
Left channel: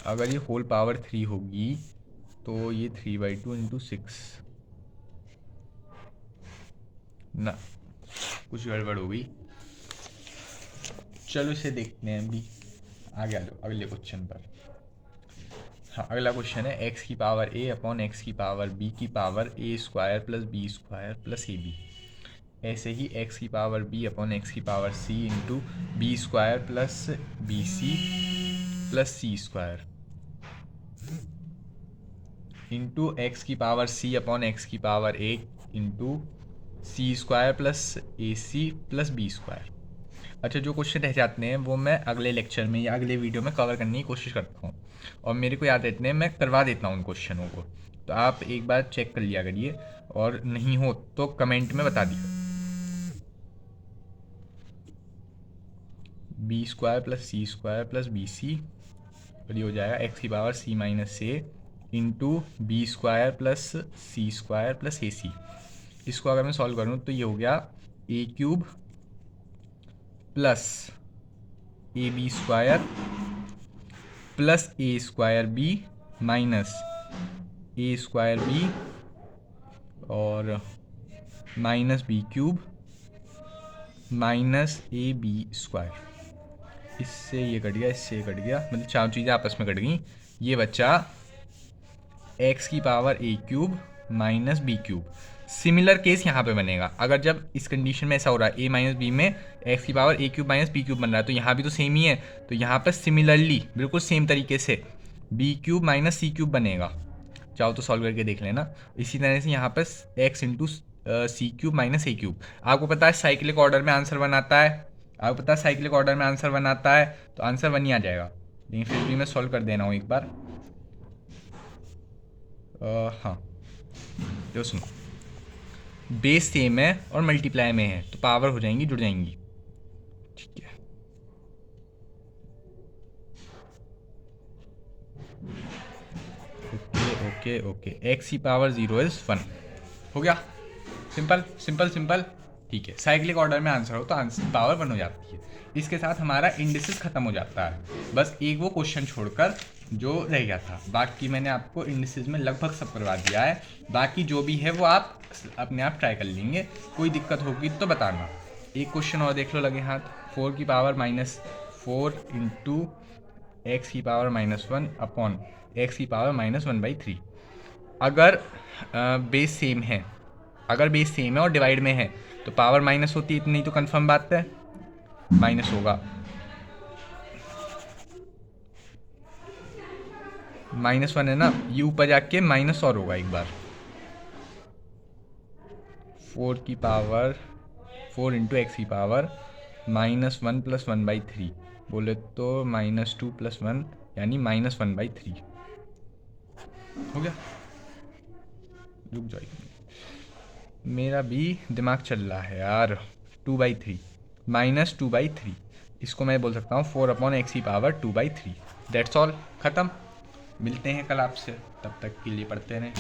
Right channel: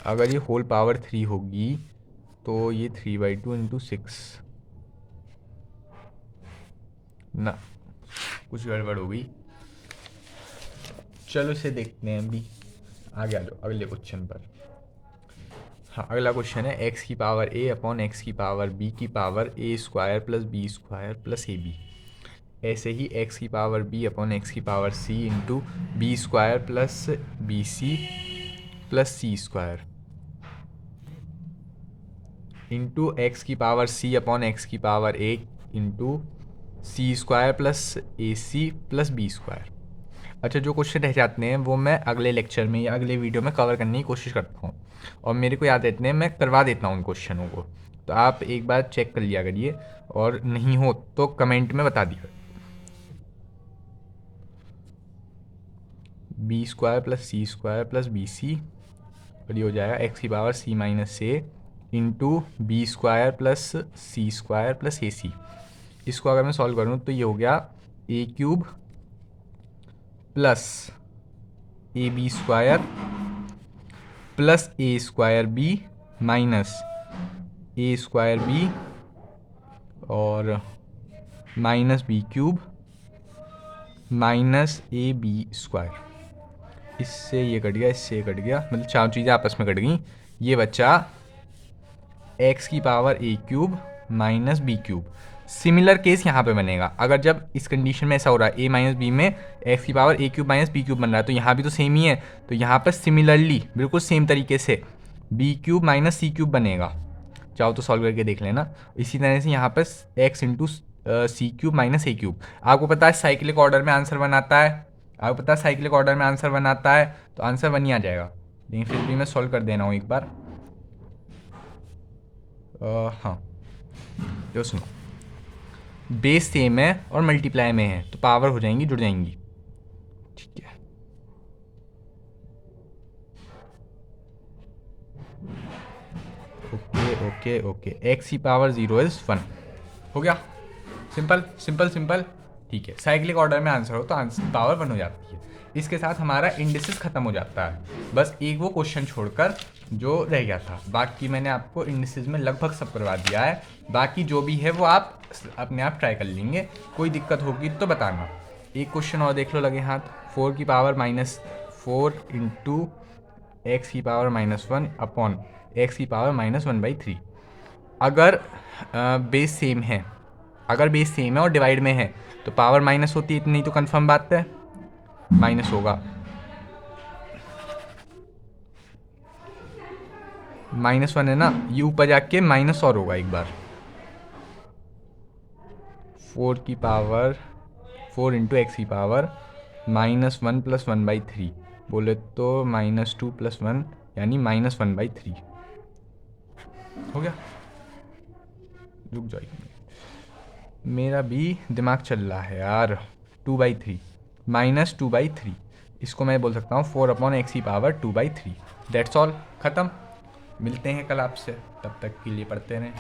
अगर ये होल पावर 3 होगी तो ये 3/2 इंटू 6 ना, कुछ गड़बड़ हो गई। चलो इसे देखते हैं अभी, आगे आ जाओ अगले क्वेश्चन पर। हाँ अगला क्वेश्चन है एक्स की पावर ए अपॉन एक्स की पावर बी की power A square plus B square plus A B. ऐसे ही एक्स की पावर बी अपॉन एक्स की power C into B square plus B C plus C square into X की पावर सी अपॉन एक्स की power A into C square plus A C plus B square. अच्छा, जो क्वेश्चन रह जाते हैं वो मैं अगले लेक्चर में या अगले वीडियो में कवर करने की कोशिश करता हूँ, और मेरे को याद रहते हैं मैं करवा देता हूँ उन क्वेश्चनों को। तो आप एक बार चेक कर लिया करिए, और नहीं हो तो कमेंट में बता दिए। B square plus C square plus B C, और ये हो जाएगा एक्स की power C minus A into B square plus C square plus A C. इसको अगर मैं सॉल्व करूँ तो ये हो गया A cube plus A B square plus A square B minus A square B और minus B cube minus A B square. इससे ये कट गया, इससे ये कट गया, मतलब चार चीज़ें आपस में कट गई। ये बचा एक्स की power A cube minus B cube. Similar case यहाँ पे बनेगा, अगर जब इस कंडीशन में ऐसा हो रहा है ए माइनस बी में एक्स की power A cube minus B cube बन रहा है, तो यहाँ भी तो सेम ही है। तो यहाँ पर सिमिलरली बिल्कुल सेम तरीके से बी क्यूब माइनस सी क्यूब बनेगा। चाहो तो सॉल्व करके देख लेना। इसी तरह से यहाँ पर एक्स इंटू सी क्यूब माइनस ए क्यूब। आपको पता है साइक्लिक ऑर्डर में आंसर बनाता है, तो आंसर 1 ही आ जाएगा। लेकिन फिर भी मैं सॉल्व कर देना हूँ एक बार। हाँ जो सुनो, बेस सेम है और मल्टीप्लाई में है तो पावर हो जाएंगी, जुड़ जाएंगी, ठीक है। ओके एक्स की पावर 0 इज 1 हो गया। सिंपल। ठीक है, साइक्लिक ऑर्डर में आंसर हो तो आंसर पावर 1 हो जाती है। इसके साथ हमारा इंडिसेस ख़त्म हो जाता है। बस एक वो क्वेश्चन छोड़कर जो रह गया था, बाकी मैंने आपको इंडिसेस में लगभग सब करवा दिया है। बाकी जो भी है वो आप अपने आप ट्राई कर लेंगे, कोई दिक्कत होगी तो बताना। एक क्वेश्चन और देख लो लगे हाथ, 4 की पावर -4 इंटू एक्स की पावर -1 अपॉन एक्स की पावर -1/3। अगर बेस सेम है, अगर बेस सेम है और डिवाइड में है तो पावर माइनस होती है, इतनी तो कंफर्म बात है, माइनस होगा। -1 है ना, ये ऊपर जाके माइनस और होगा एक बार। 4 की पावर 4 इंटू एक्स की पावर -1 + 1/3 बोले तो -2 + 1 यानी -1/3 हो गया। रुक जाइए, मेरा भी दिमाग चल रहा है यार। 2/3 -2/3, इसको मैं बोल सकता हूँ 4/x की पावर 2/3। दैट्स ऑल, ख़त्म। मिलते हैं कल आपसे, तब तक के लिए पढ़ते रहें।